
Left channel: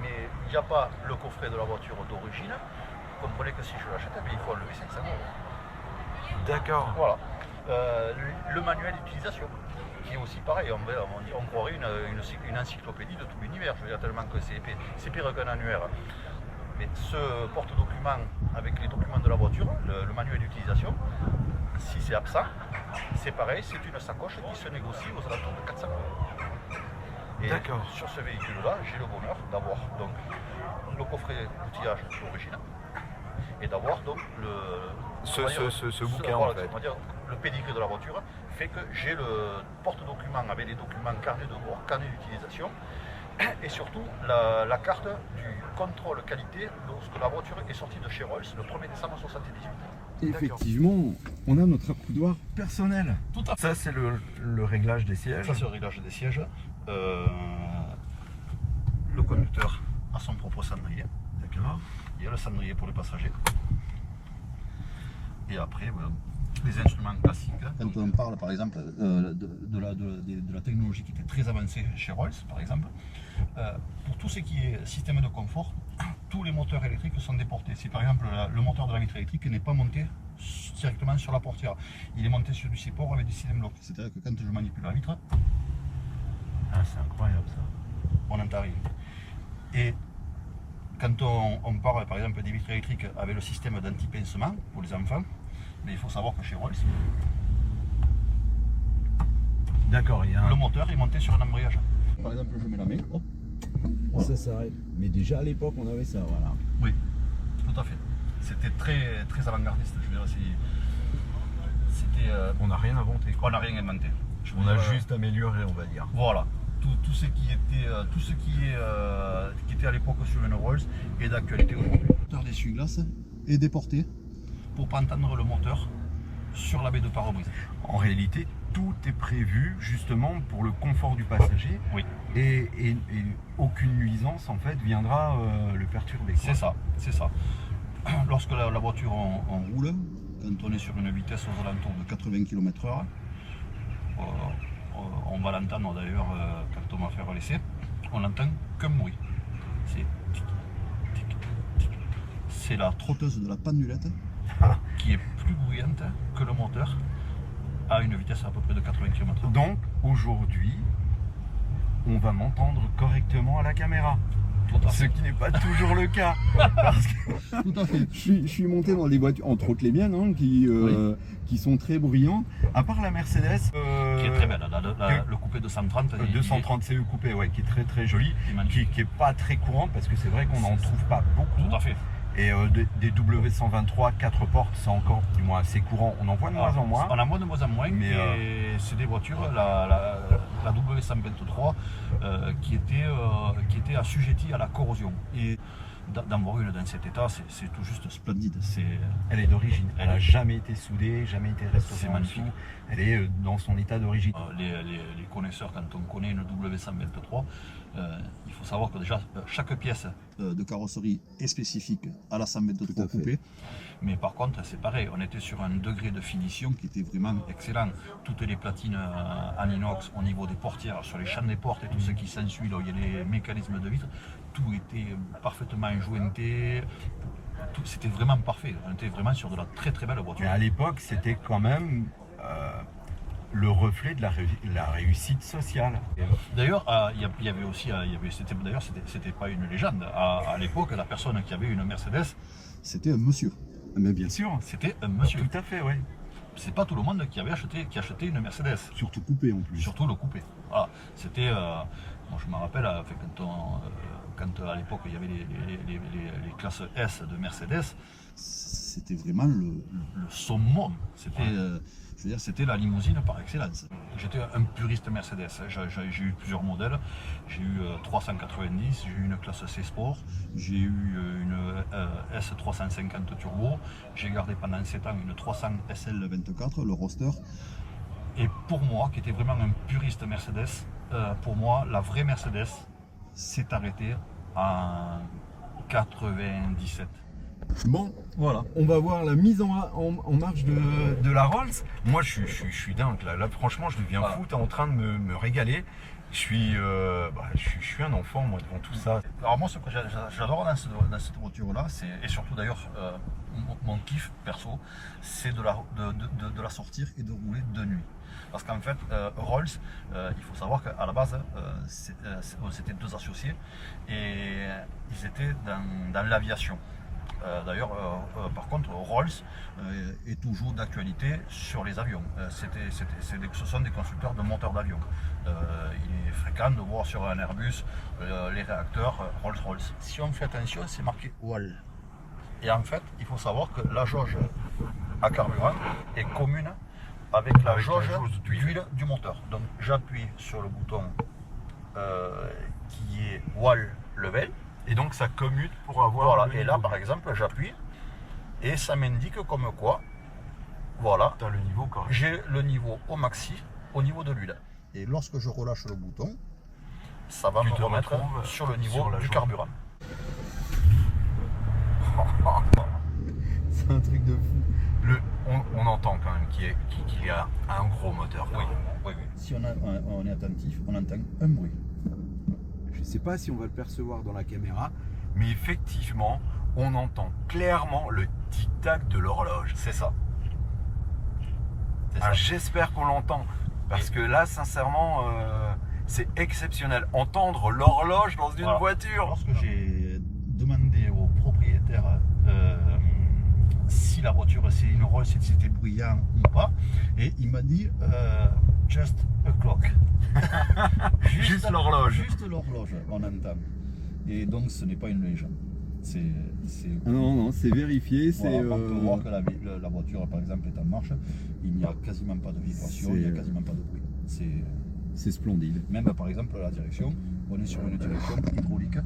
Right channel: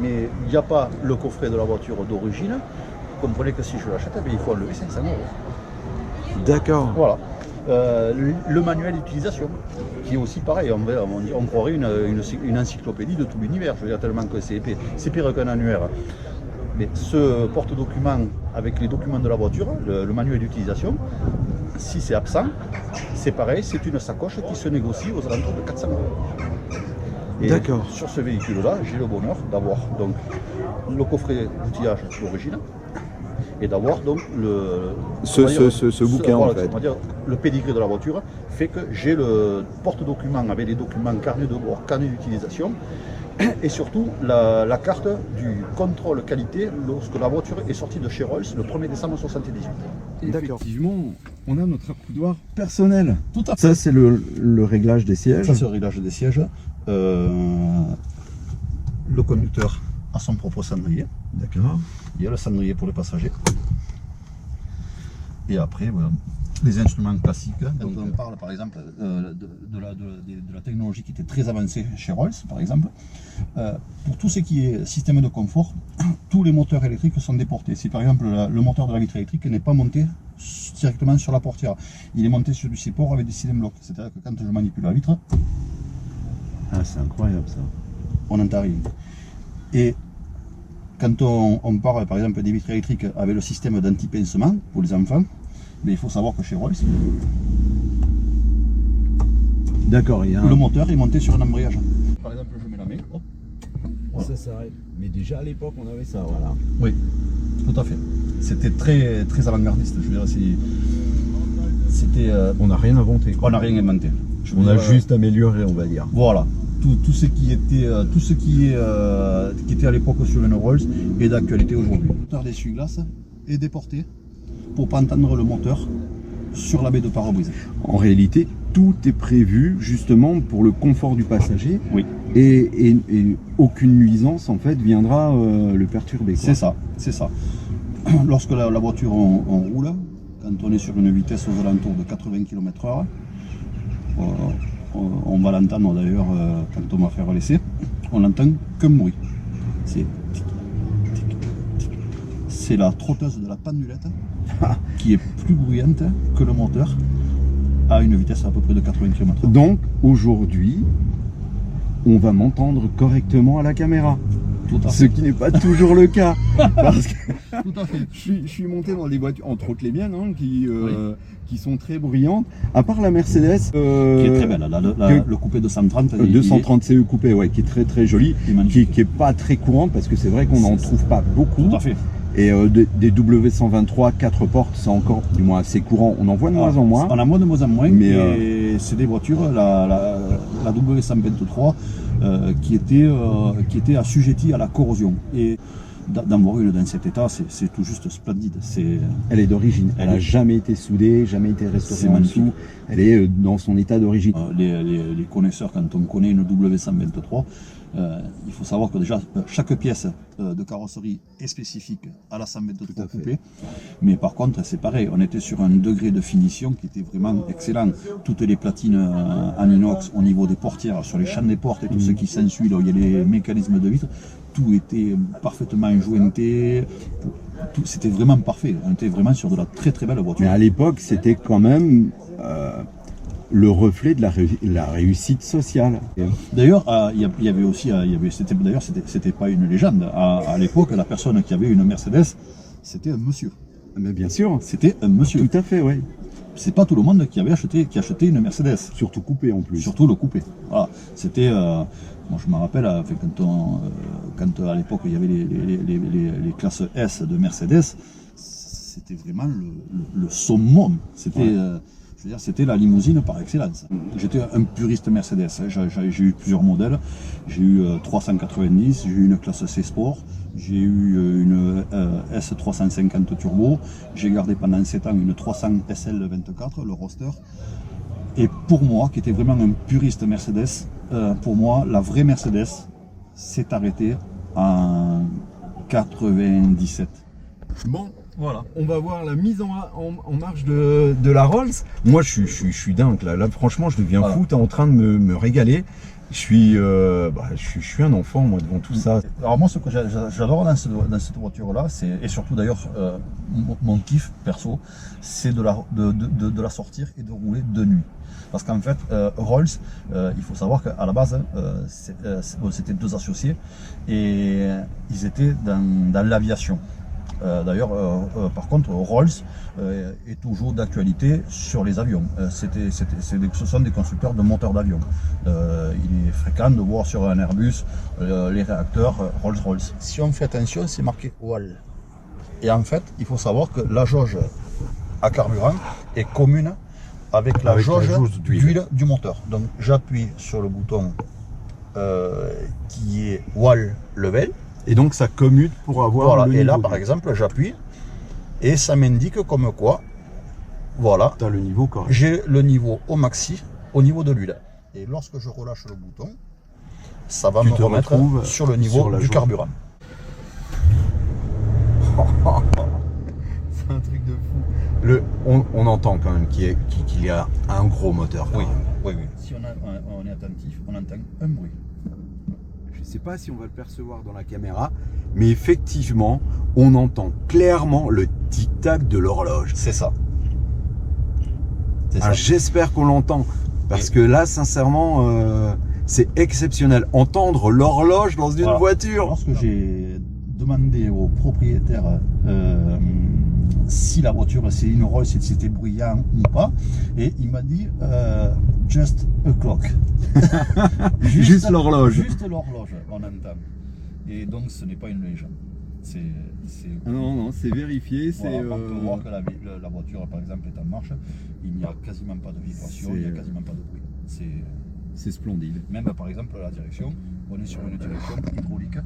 mais il n'y a pas le coffret de la voiture d'origine. Vous comprenez que si je l'achète, eh bien, il faut enlever 500 €. D'accord. Voilà. Le manuel d'utilisation, qui est aussi pareil, on croirait une encyclopédie de tout l'univers, je veux dire tellement que c'est épais, c'est pire qu'un annuaire. Mais ce porte-document avec les documents de la voiture, le manuel d'utilisation, si c'est absent, c'est pareil, c'est une sacoche qui se négocie aux alentours de 400 €. Et D'accord. sur ce véhicule-là, j'ai le bonheur d'avoir donc le coffret d'outillage d'origine et d'avoir donc Ce bouquin en fait. on va dire, le pédigré de la voiture fait que j'ai le porte-document avec les documents carnet de bord, carnet d'utilisation et surtout la carte du contrôle qualité lorsque la voiture est sortie de chez Rolls le 1er décembre 1978. Effectivement, on a notre accoudoir personnel. Tout à Ça c'est le réglage des sièges. Ça, c'est le réglage des sièges. Le conducteur a son propre cendrier. D'accord. Il y a le cendrier pour les passagers. Et après, voilà, les instruments classiques. Quand on parle, par exemple, de la technologie qui était très avancée chez Rolls, par exemple, pour tout ce qui est système de confort, tous les moteurs électriques sont déportés. Si par exemple le moteur de la vitre électrique n'est pas monté directement sur la portière, il est monté sur du support avec des systèmes blocs. C'est-à-dire que quand je manipule la vitre, Ah, c'est incroyable ça. on n'entend rien. Et quand on parle par exemple des vitres électriques avec le système d'anti-pincement pour les enfants, mais il faut savoir que chez Rolls, D'accord, il y a le moteur est monté sur un embrayage. Par exemple, je mets la main, hop, voilà. Ça s'arrête. Mais déjà à l'époque on avait ça, voilà. Oui, tout à fait. C'était très, très avant-gardiste. Je veux dire, c'était... On n'a rien inventé, quoi. on n'a rien inventé. Je veux On a dire, juste amélioré, on va dire. Voilà. Tout ce qui était, qui était à l'époque sur une Rolls est d'actualité aujourd'hui. Le moteur d'essuie-glace est déporté pour pas entendre le moteur sur la baie de pare-brise. En réalité, tout est prévu justement pour le confort du passager. Oui. Et aucune nuisance en fait viendra le perturber, quoi. C'est ça, c'est ça. Lorsque la voiture on roule, quand on est sur une vitesse aux alentours de 80 km/h, on va l'entendre d'ailleurs quand on va faire l'essai, on n'entend qu'un bruit. C'est tic, tic, tic. C'est la trotteuse de la pendulette qui est plus bruyante que le moteur à une vitesse à peu près de 80 km/h. Donc aujourd'hui, on va m'entendre correctement à la caméra. Tout à Ce fait. qui n'est pas toujours le cas. Parce que Tout à fait. je suis monté dans des voitures, entre autres les miennes, hein, qui sont très bruyantes. À part la Mercedes. Qui est très belle. Le coupé 230. 230 CE coupé, ouais, qui est très très jolie, Il est magnifique. qui est pas très courante parce que c'est vrai qu'on n'en trouve pas beaucoup. Tout à fait. Et des W123 4 portes, c'est encore du moins assez courant. On en voit de moins en moins. On en voit de moins en moins, Mais, et c'est des voitures, la W123, qui était assujettie à la corrosion. Et d'en voir une dans cet état, c'est tout juste splendide. Elle est d'origine. Elle n'a est- jamais été soudée, jamais été C'est restaurée en magnifique. dessous. Elle est dans son état d'origine. Les connaisseurs, quand on connaît une W123, il faut savoir que déjà chaque pièce de carrosserie est spécifique à la Tout 123 à fait. coupée, mais par contre c'est pareil, on était sur un degré de finition qui était vraiment excellent. Toutes les platines en inox au niveau des portières, sur les champs des portes et tout ce qui s'ensuit, là où il y a les mécanismes de vitre, tout était parfaitement jointé. C'était vraiment parfait. On était vraiment sur de la très très belle voiture. Mais à l'époque, c'était quand même le reflet de la réussite sociale. D'ailleurs, il y avait aussi, c'était pas une légende. À l'époque, la personne qui avait une Mercedes, c'était un monsieur. Mais bien sûr, C'était un monsieur. tout à fait, oui. C'est pas tout le monde qui achetait une Mercedes. Surtout coupé en plus. Surtout le coupé. Voilà. C'était, moi je me rappelle, quand à l'époque il y avait les classes S de Mercedes, c'était vraiment le summum. C'était, Ouais. je veux dire, c'était la limousine par excellence. J'étais un puriste Mercedes. J'ai eu plusieurs modèles. J'ai eu 390, j'ai eu une classe C Sport, j'ai eu une S350 Turbo. J'ai gardé pendant 7 ans une 300 SL24, le roadster. Et pour moi, qui était vraiment un puriste Mercedes, pour moi, la vraie Mercedes s'est arrêtée en 97. Bon, Voilà. on va voir la mise en marche de la Rolls. Moi, je suis dingue là. Là, franchement, je deviens Voilà. fou. T'es en train de me régaler. Je suis un enfant, moi, devant tout ça. Alors moi, ce que j'adore dans cette voiture-là, et surtout d'ailleurs mon kiff perso, c'est de la sortir et de rouler de nuit. Parce qu'en fait, Rolls, il faut savoir qu'à la base, c'était deux associés et ils étaient dans l'aviation. D'ailleurs, par contre, Rolls est toujours d'actualité sur les avions. Ce sont des constructeurs de moteurs d'avion. Il est fréquent de voir sur un Airbus les réacteurs Rolls-Royce. Si on fait attention, c'est marqué WAL. Et en fait, il faut savoir que la jauge à carburant est commune avec la jauge d'huile du moteur. Donc j'appuie sur le bouton qui est WAL level. Et donc, ça commute pour avoir Voilà, le et là niveau par d'huile. exemple j'appuie et ça m'indique comme quoi, voilà, T'as le niveau correct. j'ai le niveau au maxi au niveau de l'huile. Et lorsque je relâche le bouton, ça va Tu me te remettre retrouves sur le niveau sur la du jauge. carburant. C'est un truc de fou. On entend quand même qu'il y a un gros moteur. Quand Oui, même. oui, oui. Si on est attentif, on entend un bruit. Je ne sais pas si on va le percevoir dans la caméra, mais effectivement, on entend clairement le tic-tac de l'horloge. C'est ça. C'est ça. Ah, j'espère qu'on l'entend, parce que là, sincèrement, c'est exceptionnel. Entendre l'horloge dans une Voilà. voiture. Lorsque j'ai demandé au propriétaire si la voiture c'est une Rolls, si c'était bruyant ou pas, et il m'a dit just a clock. Juste l'horloge. Juste l'horloge, on entend. Et donc ce n'est pas une légende. Ah non, c'est vérifié. Voilà, on peut voir que la voiture, par exemple, est en marche. Il n'y a quasiment pas de vibration, il n'y a quasiment pas de bruit. C'est splendide. Même par exemple la direction, on est sur une direction hydraulique.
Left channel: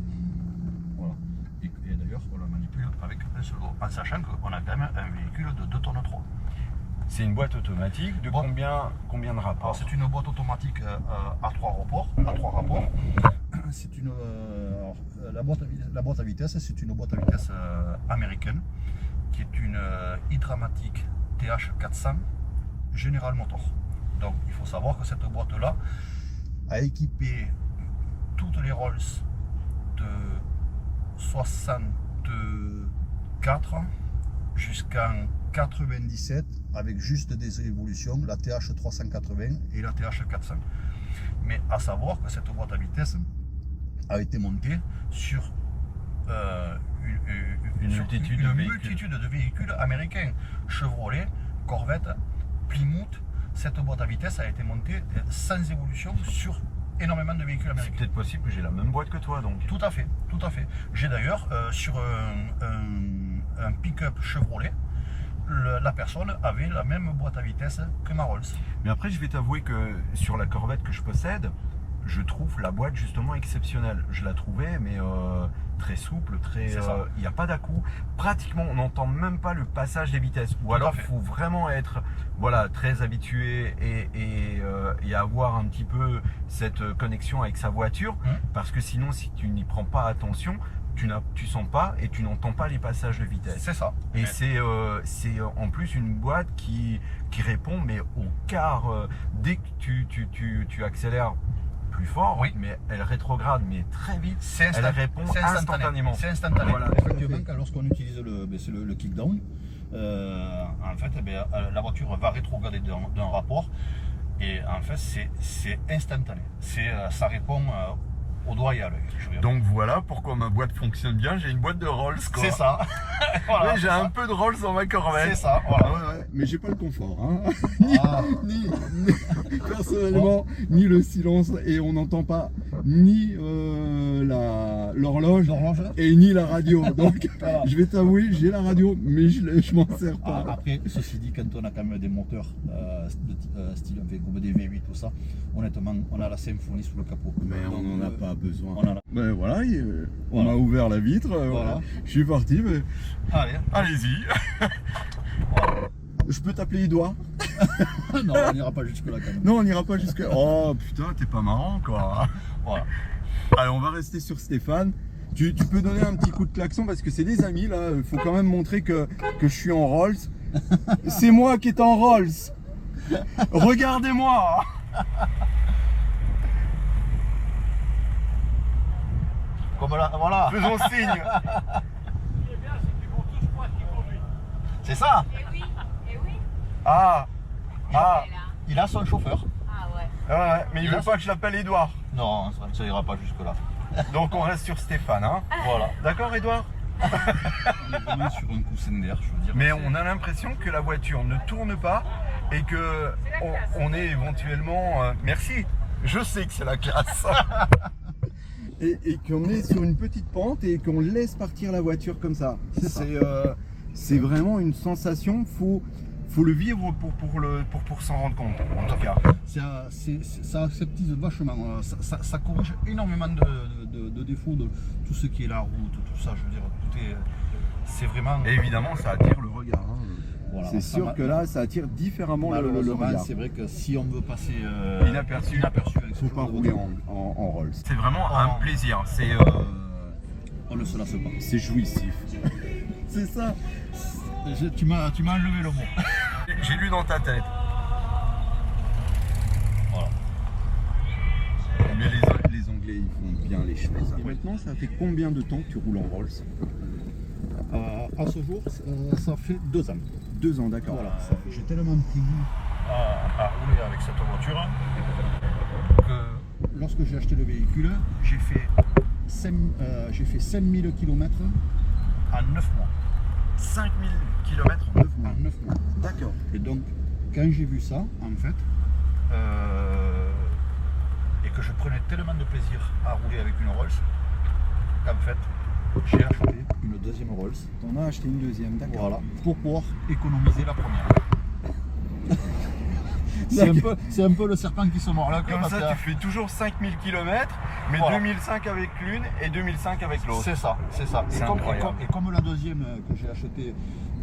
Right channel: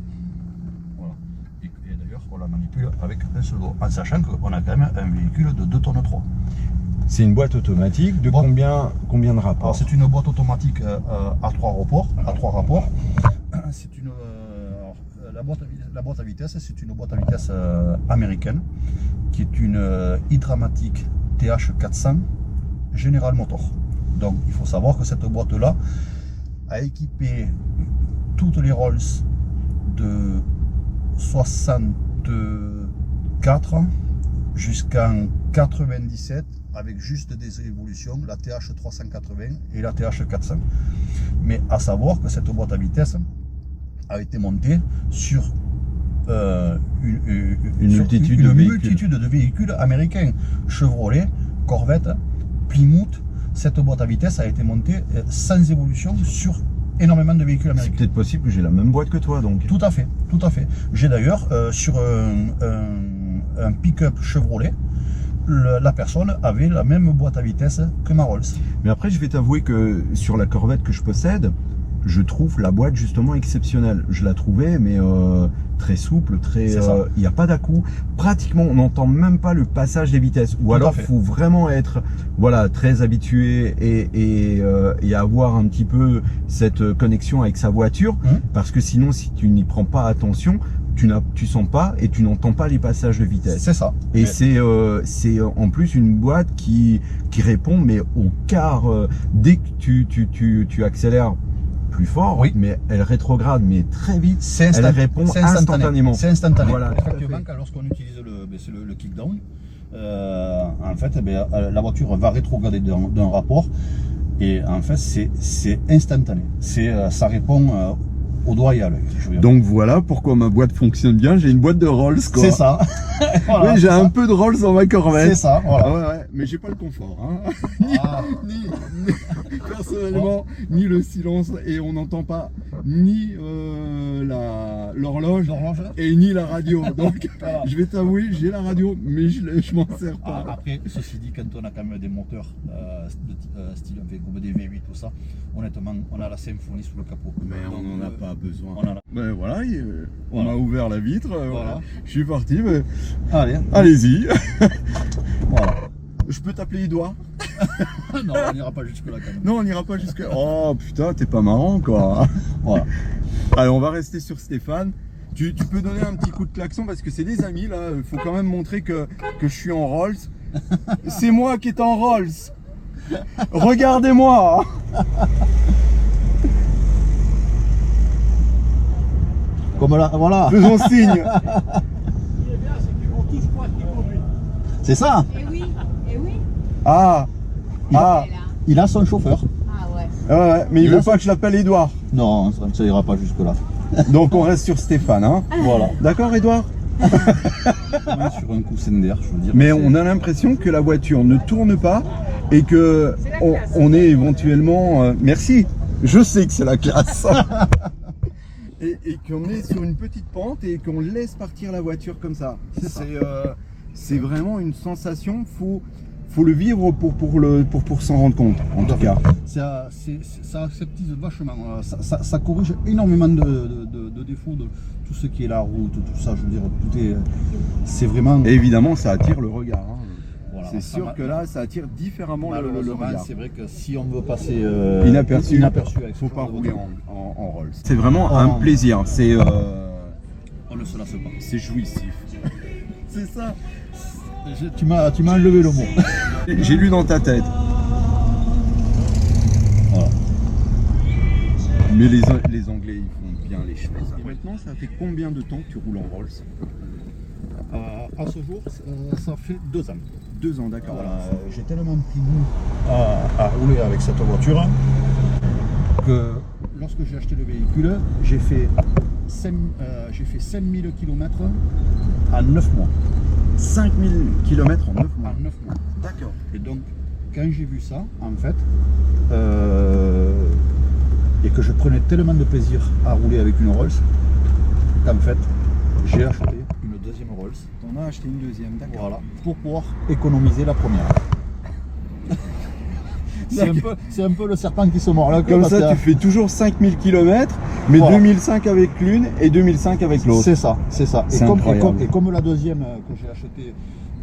Voilà. Et d'ailleurs, on la manipule avec un seul doigt, en sachant qu'on a quand même un véhicule de 2 tonnes 3. C'est une boîte automatique de combien de rapports? C'est une boîte automatique à 3 rapports. C'est une la boîte à vitesse, c'est une boîte à vitesse américaine qui est une Hydramatic TH400 General Motors. Donc il faut savoir que cette boîte là a équipé toutes les Rolls de 64 jusqu'en 97 avec juste des évolutions, la TH380 et la TH400. Mais à savoir que cette boîte à vitesse a été montée sur une multitude de véhicules américains, Chevrolet, Corvette, Plymouth. Cette boîte à vitesse a été montée sans évolution sur énormément de véhicules américains. C'est peut-être possible que j'ai la même boîte que toi donc. Tout à fait. J'ai d'ailleurs sur un pick-up Chevrolet, la personne avait la même boîte à vitesse que ma Rolls. Mais après, je vais t'avouer que sur la Corvette que je possède, je trouve la boîte justement exceptionnelle. Je la trouvais, mais très souple, il n'y a pas d'à-coup. Pratiquement, on n'entend même pas le passage des vitesses. Ou alors, il faut vraiment être très habitué et avoir un petit peu cette connexion avec sa voiture. Parce que sinon, si tu n'y prends pas attention, tu sens pas et tu n'entends pas les passages de vitesse. C'est ça. Et c'est en plus une boîte qui répond mais au quart. Dès que tu accélères plus fort, mais elle rétrograde mais très vite. Elle répond instantanément. C'est instantané. Voilà, effectivement, lorsqu'on utilise le kickdown, en fait, la voiture va rétrograder d'un rapport et en fait c'est instantané. Ça répond au doigt et à l'œil. Donc voilà pourquoi ma boîte fonctionne bien. J'ai une boîte de Rolls, quoi. C'est ça. Voilà, oui, j'ai un peu de Rolls dans ma Corvette. C'est ça, voilà. Ouais, mais j'ai pas le confort. Hein. Personnellement, ni le silence, et on n'entend pas ni l'horloge et ni la radio. Donc je vais t'avouer, j'ai la radio, mais je m'en sers pas. Après, ceci dit, quand on a quand même des moteurs style comme des V8, tout ça, honnêtement, on a la symphonie sous le capot. Mais on n'en a pas besoin. Mais voilà, on m'a ouvert la vitre, voilà. Je suis parti, mais allez-y. Voilà. Je peux t'appeler Edouard? Non, on n'ira pas jusque là quand même. Non, on n'ira pas jusque là. Oh putain, t'es pas marrant quoi. Voilà. Allez, on va rester sur Stéphane. Tu peux donner un petit coup de klaxon parce que c'est des amis là. Il faut quand même montrer que je suis en Rolls. C'est moi qui est en Rolls. Regardez-moi. Comme là, voilà. Faisons signe. C'est ça. Eh oui. Il a son chauffeur. Ah ouais. Ouais, mais il veut pas que je l'appelle Edouard. Non, ça ira pas jusque là. Donc on reste sur Stéphane, hein. Voilà. D'accord, Edouard? Sur un coup d'air, je veux dire. Mais on a l'impression que la voiture ne tourne pas et que on est éventuellement. Merci. Je sais que c'est la classe. et qu'on est sur une petite pente et qu'on laisse partir la voiture comme ça. C'est vraiment une sensation. Faut le vivre pour s'en rendre compte, en tout cas. Ça aseptise vachement, ça corrige énormément de défauts de tout ce qui est la route, tout ça, je veux dire, c'est vraiment... Et évidemment, ça attire le regard. Hein. Voilà, c'est sûr que là, ça attire différemment le regard. C'est vrai que si on veut passer inaperçu avec faut pas rouler en Rolls. C'est vraiment un plaisir. On ne se lasse pas. C'est jouissif. C'est ça. Tu m'as enlevé le mot. J'ai lu dans ta tête. Voilà. Mais les Anglais, ils font bien les choses. Maintenant, ça fait combien de temps que tu roules en Rolls? À ce jour, ça fait 2 ans. 2 ans, d'accord. Voilà, j'ai tellement pris goût à rouler avec cette voiture que lorsque j'ai acheté le véhicule, j'ai fait 5000 km en 9 mois. 5000 km en 9 mois. En 9 mois. D'accord. Et donc, quand j'ai vu ça, en fait, et que je prenais tellement de plaisir à rouler avec une Rolls, qu'en fait, j'ai acheté une deuxième Rolls. T'en as acheté une deuxième, d'accord. Voilà, pour pouvoir économiser la première. C'est un peu le serpent qui se mord la queue. Comme parce ça, que- tu fais toujours 5000 km, mais Voilà. 2005 avec l'une et 2005 avec l'autre. C'est ça, c'est ça. C'est incroyable. Et comme la deuxième que j'ai achetée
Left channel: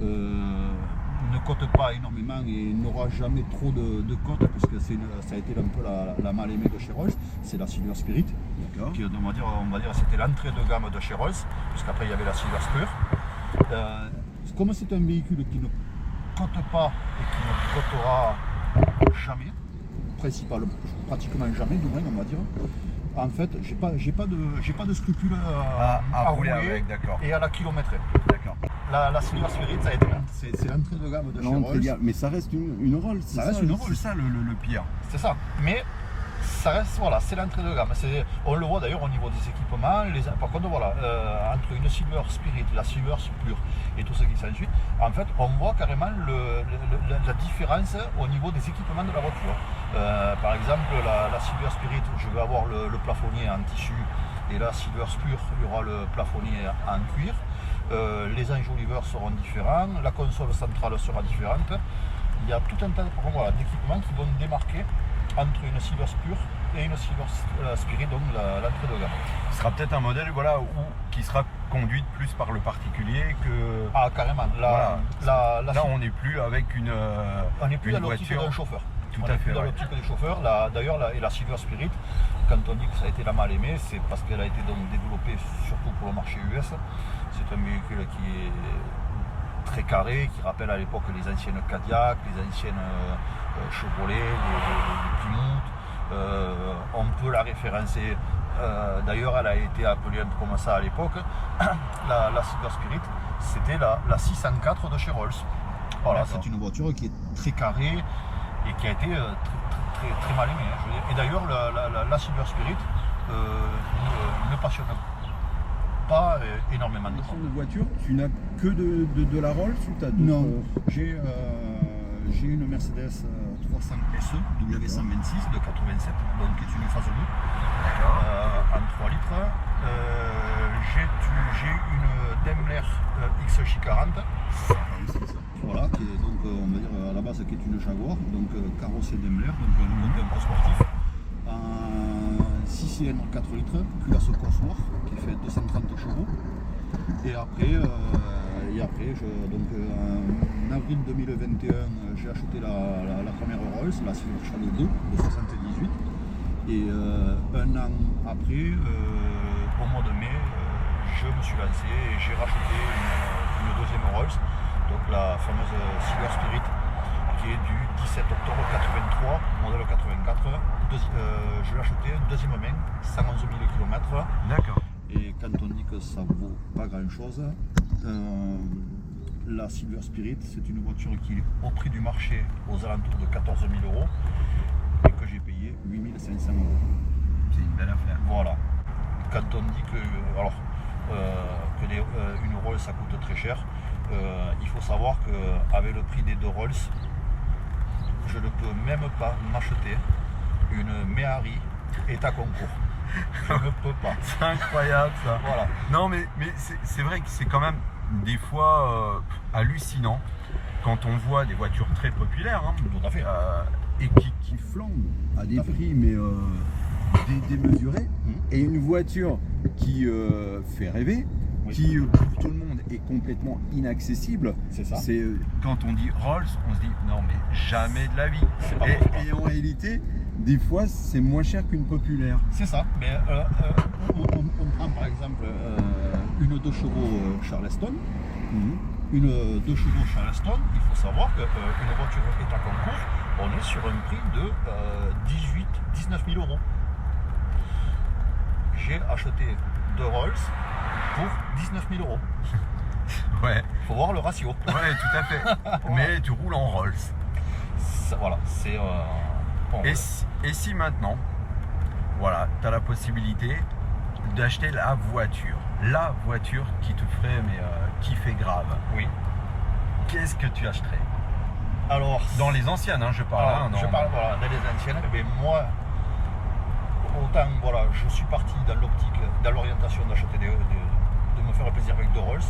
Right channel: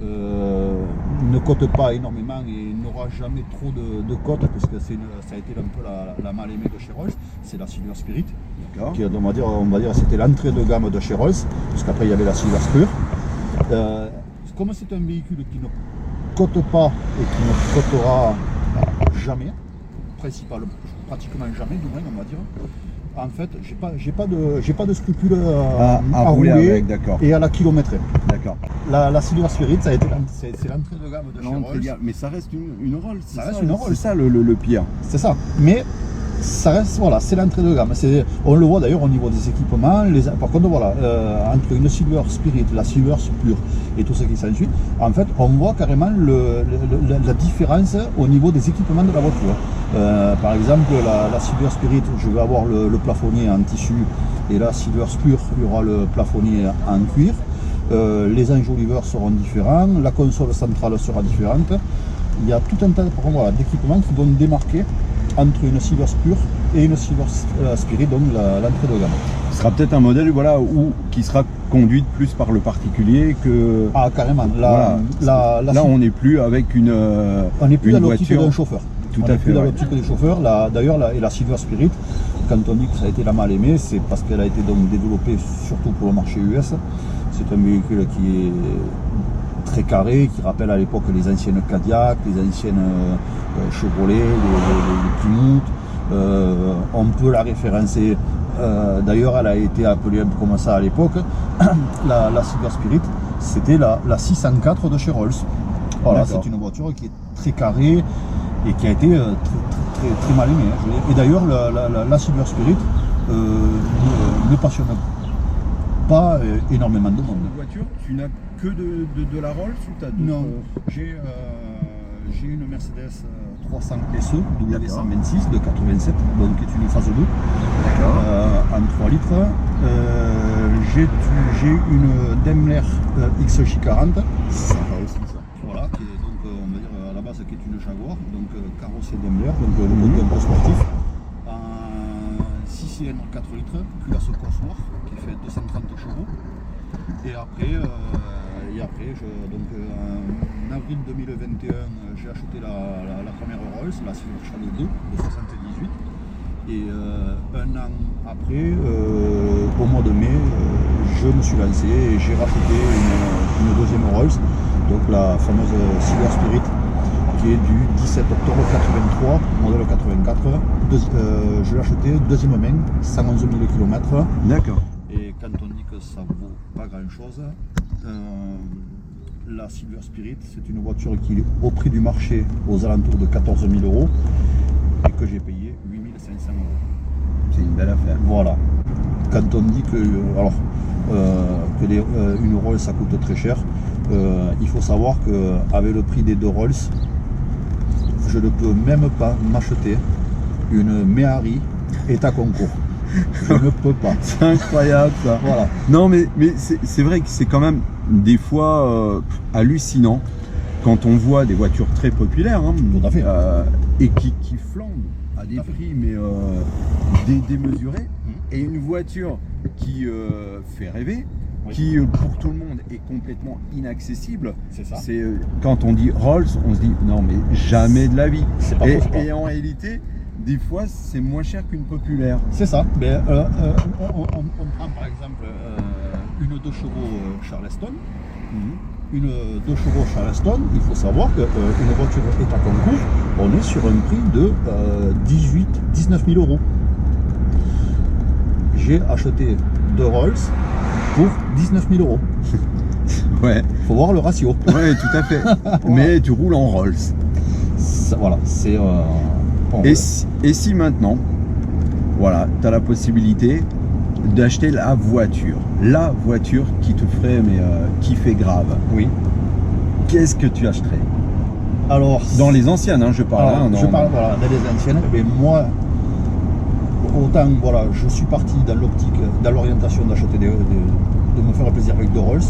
ne cote pas énormément et n'aura jamais trop de cote, puisque ça a été un peu la mal aimée de chez Rolls, c'est la Silver Spirit. D'accord. Qui, on va dire c'était l'entrée de gamme de chez Rolls, puisqu'après il y avait la Silver Spur. Comme c'est un véhicule qui ne cote pas et qui ne cotera jamais, pratiquement jamais du moins on va dire, en fait j'ai pas de scrupules à rouler avec, d'accord. et à la kilométrer. D'accord. La Silver Spirit, c'est l'entrée de gamme de chez Rolls. Mais ça reste une Rolls. Ça reste une Rolls. C'est ça le pire. C'est ça. Mais ça reste, voilà, c'est l'entrée de gamme. On le voit d'ailleurs au niveau des équipements. Par contre, voilà, entre une Silver Spirit, la Silver Spur et tout ce qui s'ensuit, en fait, on voit carrément la différence au niveau des équipements de la voiture. Par exemple, la Silver Spirit, je vais avoir le plafonnier en tissu, et la Silver Spur, il y aura le plafonnier en cuir. Les enjoliveurs seront différents, la console centrale sera différente. Il y a tout un tas d'équipements qui vont démarquer entre une Silver Spur et une Silver Spirit, donc l'entrée de gamme. Ce sera peut-être un modèle qui sera conduite plus par le particulier que. Ah, carrément. Là, on n'est plus avec on n'est plus dans l'optique voiture. d'un chauffeur. Tout on à n'est fait. plus dans Ouais. l'optique des chauffeurs. D'ailleurs, la Silver Spirit, quand on dit que ça a été la mal aimée, c'est parce qu'elle a été donc développée surtout pour le marché US. C'est un véhicule qui est très carré, qui rappelle à l'époque les anciennes Cadillac, les anciennes Chevrolet, les Plymouth. On peut la référencer. D'ailleurs, elle a été appelée un peu comme ça à l'époque. La Silver Spirit, c'était la 604 de chez Rolls. Voilà, c'est une voiture qui est très carrée et qui a été très mal aimée. Et d'ailleurs, la Silver Spirit ne passionne pas énormément de monde. Une voiture, tu n'as que de la Rolls ou tu as d'autres? Non, j'ai une Mercedes 300 SE W126 de 87, donc qui est une phase 2 en 3 litres. J'ai une Daimler XJ40, voilà, qui est donc on va dire à la base qui est une Jaguar, donc carrossée Daimler, donc le côté un peu sportif, en 6 cylindres 4 litres, culasse Cosworth qui fait 230 chevaux. Et après, en avril 2021, j'ai acheté la première Rolls, la Silver Shadow 2 de 78. Et un an après, au mois de mai, je me suis lancé et j'ai racheté une deuxième Rolls, donc la fameuse Silver Spirit, qui est du 17 octobre 83, modèle 84. Je l'ai acheté deuxième main, 111 000 km. D'accord. Et quand on dit que ça vaut pas grand chose, la Silver Spirit, c'est une voiture qui est au prix du marché aux alentours de 14 000 euros et que j'ai payé 8 500 euros. C'est une belle affaire. Voilà. Quand on dit que, une Rolls ça coûte très cher, il faut savoir qu'avec le prix des deux Rolls, je ne peux même pas m'acheter une Méhari état concours. Je ne peux pas. C'est incroyable ça. Voilà. Non mais c'est vrai que c'est quand même des fois hallucinant quand on voit des voitures très populaires Tout à fait. et qui flambent à des prix mais démesurés, et une voiture qui fait rêver, Oui. qui pour tout le monde est complètement inaccessible. C'est ça. C'est quand on dit Rolls, on se dit non mais jamais de la vie. C'est pas possible. Et en réalité, des fois c'est moins cher qu'une populaire. C'est ça. Mais, on prend par exemple une 2 chevaux Charleston. Une 2 chevaux Charleston, il faut savoir qu'une voiture état concours, on est sur un prix de 19 000 euros. J'ai acheté 2 Rolls pour 19 000 euros. Ouais, Il faut voir le ratio. ouais, tout à fait. Mais tu roules en Rolls. Voilà, c'est... Et si maintenant, voilà, tu as la possibilité d'acheter la voiture qui te ferait kiffer grave, oui. qu'est-ce que tu achèterais? Alors, Dans les anciennes, je parle. alors, je parle voilà, dans les anciennes, mais moi, autant voilà, je suis parti dans l'optique, dans l'orientation d'acheter de me faire plaisir avec de Rolls.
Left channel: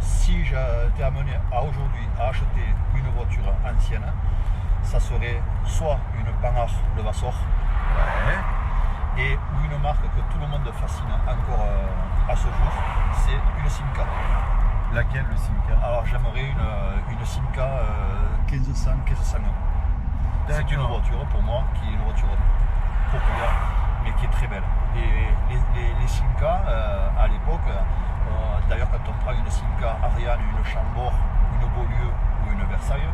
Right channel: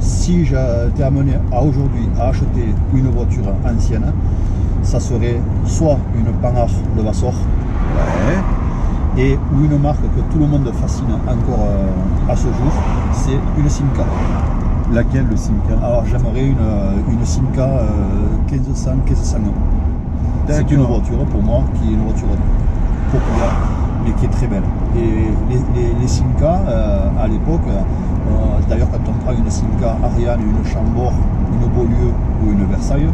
Si j'étais amené à aujourd'hui à acheter une voiture ancienne, ça serait soit une Panhard Levasseur, ou une marque que tout le monde fascine encore à ce jour, c'est une Simca. Laquelle, le Simca? Alors j'aimerais une Simca 1500-1501. C'est une voiture pour moi qui est une voiture populaire, mais qui est très belle. Et les Simca à l'époque, d'ailleurs quand on prend une Simca Ariane, une Chambord, une Beaulieu ou une Versailles,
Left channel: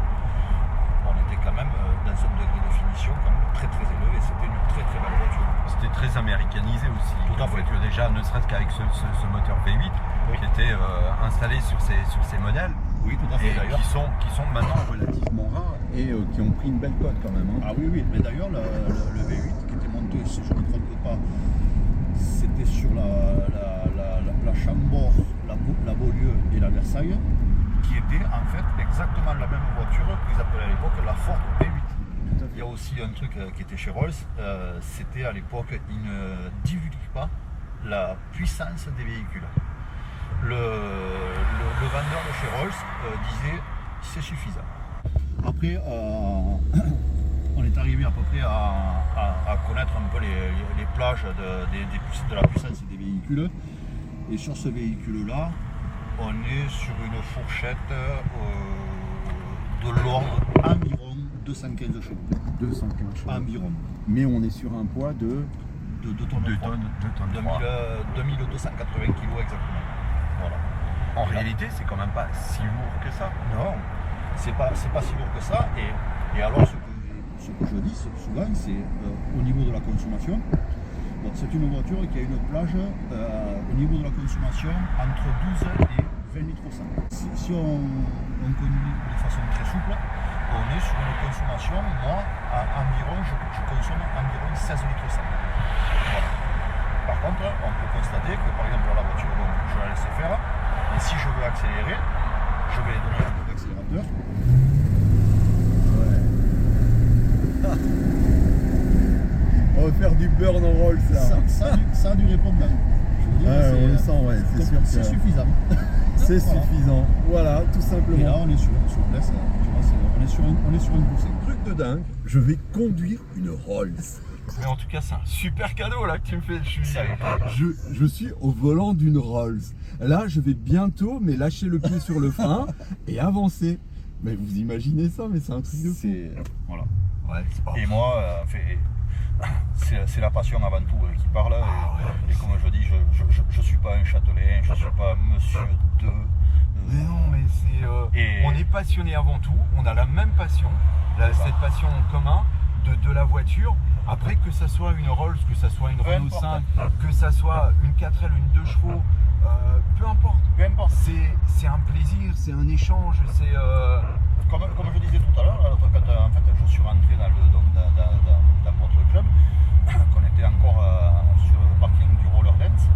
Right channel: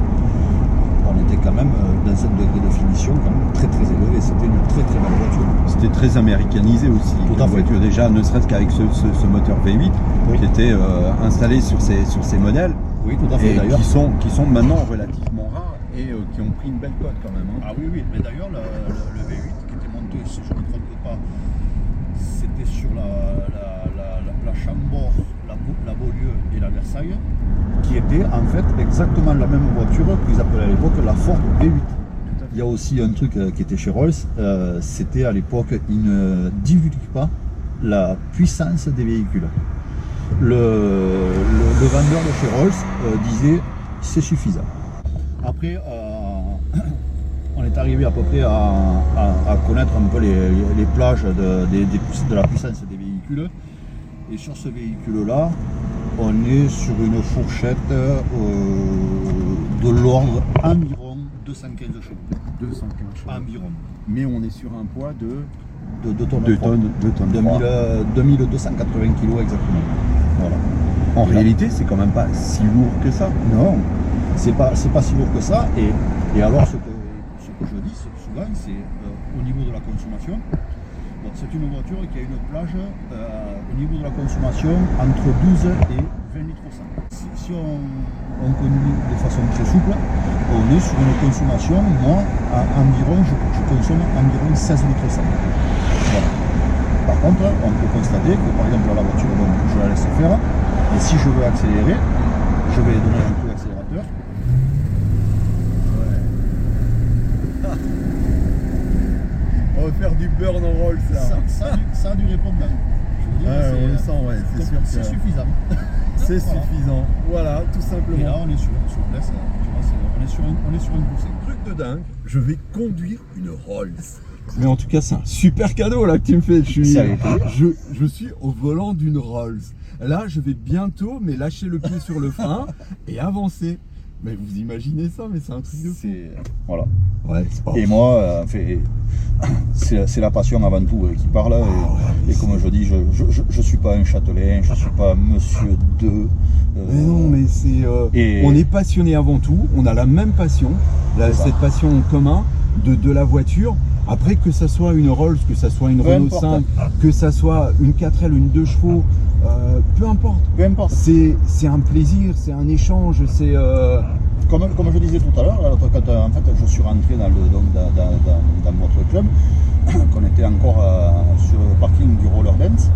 on était quand même dans un degré de finition quand même très très élevé. C'était une très très belle voiture. C'était très américanisé aussi. Tout à fait. Voiture, déjà, ne serait-ce qu'avec ce moteur V8 qui était installé sur ces modèles. Oui, tout à fait. Et D'ailleurs, qui sont maintenant relativement rares et qui ont pris une belle cote quand même. ah oui, oui, mais d'ailleurs le V8 qui était monté, si je ne me trompe pas, c'était sur la Chambord, la Beaulieu et la Versailles, qui était en fait exactement la même voiture qu'ils appelaient à l'époque la Ford V8. Il y a aussi un truc qui était chez Rolls, c'était à l'époque, ils ne divulguaient pas la puissance des véhicules. Le vendeur de chez Rolls disait c'est suffisant. Après, on est arrivé à peu près à connaître un peu les plages de la puissance des véhicules. Et sur ce véhicule-là, on est sur une fourchette de l'ordre environ 215 chevaux. 215 chevaux. Environ. Mais on est sur un poids de 2 tonnes. 2 tonnes. 2280 kg exactement. Voilà. En Et réalité, c'est quand même pas si lourd que ça. non, c'est pas si lourd que ça. Et alors, ce que je dis souvent, c'est au niveau de la consommation. Bon, c'est une voiture qui a une plage au niveau de la consommation entre 12 et 20 litres au 100. Si on conduit de façon très souple, on est sur une consommation, moi, environ, je consomme environ 16 litres au 100. Voilà. Par contre, on peut constater que par exemple la voiture, bon, je la laisse faire, et si je veux accélérer, je vais donner un coup d'accélérateur. On va faire du burn en roll, Ça a du répondant. Je veux dire, on le sent, ouais, c'est sûr que c'est suffisant. c'est Voilà. suffisant. Voilà, tout simplement. Et là, on est sur une souplesse, tu vois, on est sur un poussé. Truc de dingue, je vais conduire une Rolls. Mais en tout cas, c'est un super cadeau là que tu me fais. Je suis au volant d'une Rolls. Là, je vais bientôt lâcher le pied sur le frein et avancer. Mais vous imaginez ça, mais c'est un truc de fou. Voilà. Ouais, c'est pas Et moi, c'est la passion avant tout qui parle. Et comme je dis, je suis pas un châtelain, je suis pas monsieur de. Mais non, mais on est passionné avant tout. On a la même passion, cette passion en commun de la voiture. Après, que ça soit une Rolls, que ça soit une Renault 5, que ça soit une 4L, une 2 chevaux, peu importe. Peu importe. C'est un plaisir, c'est un échange, c'est. Comme je disais tout à l'heure, quand en fait je suis rentré dans votre club, qu'on était encore sur le parking du Roller Dance,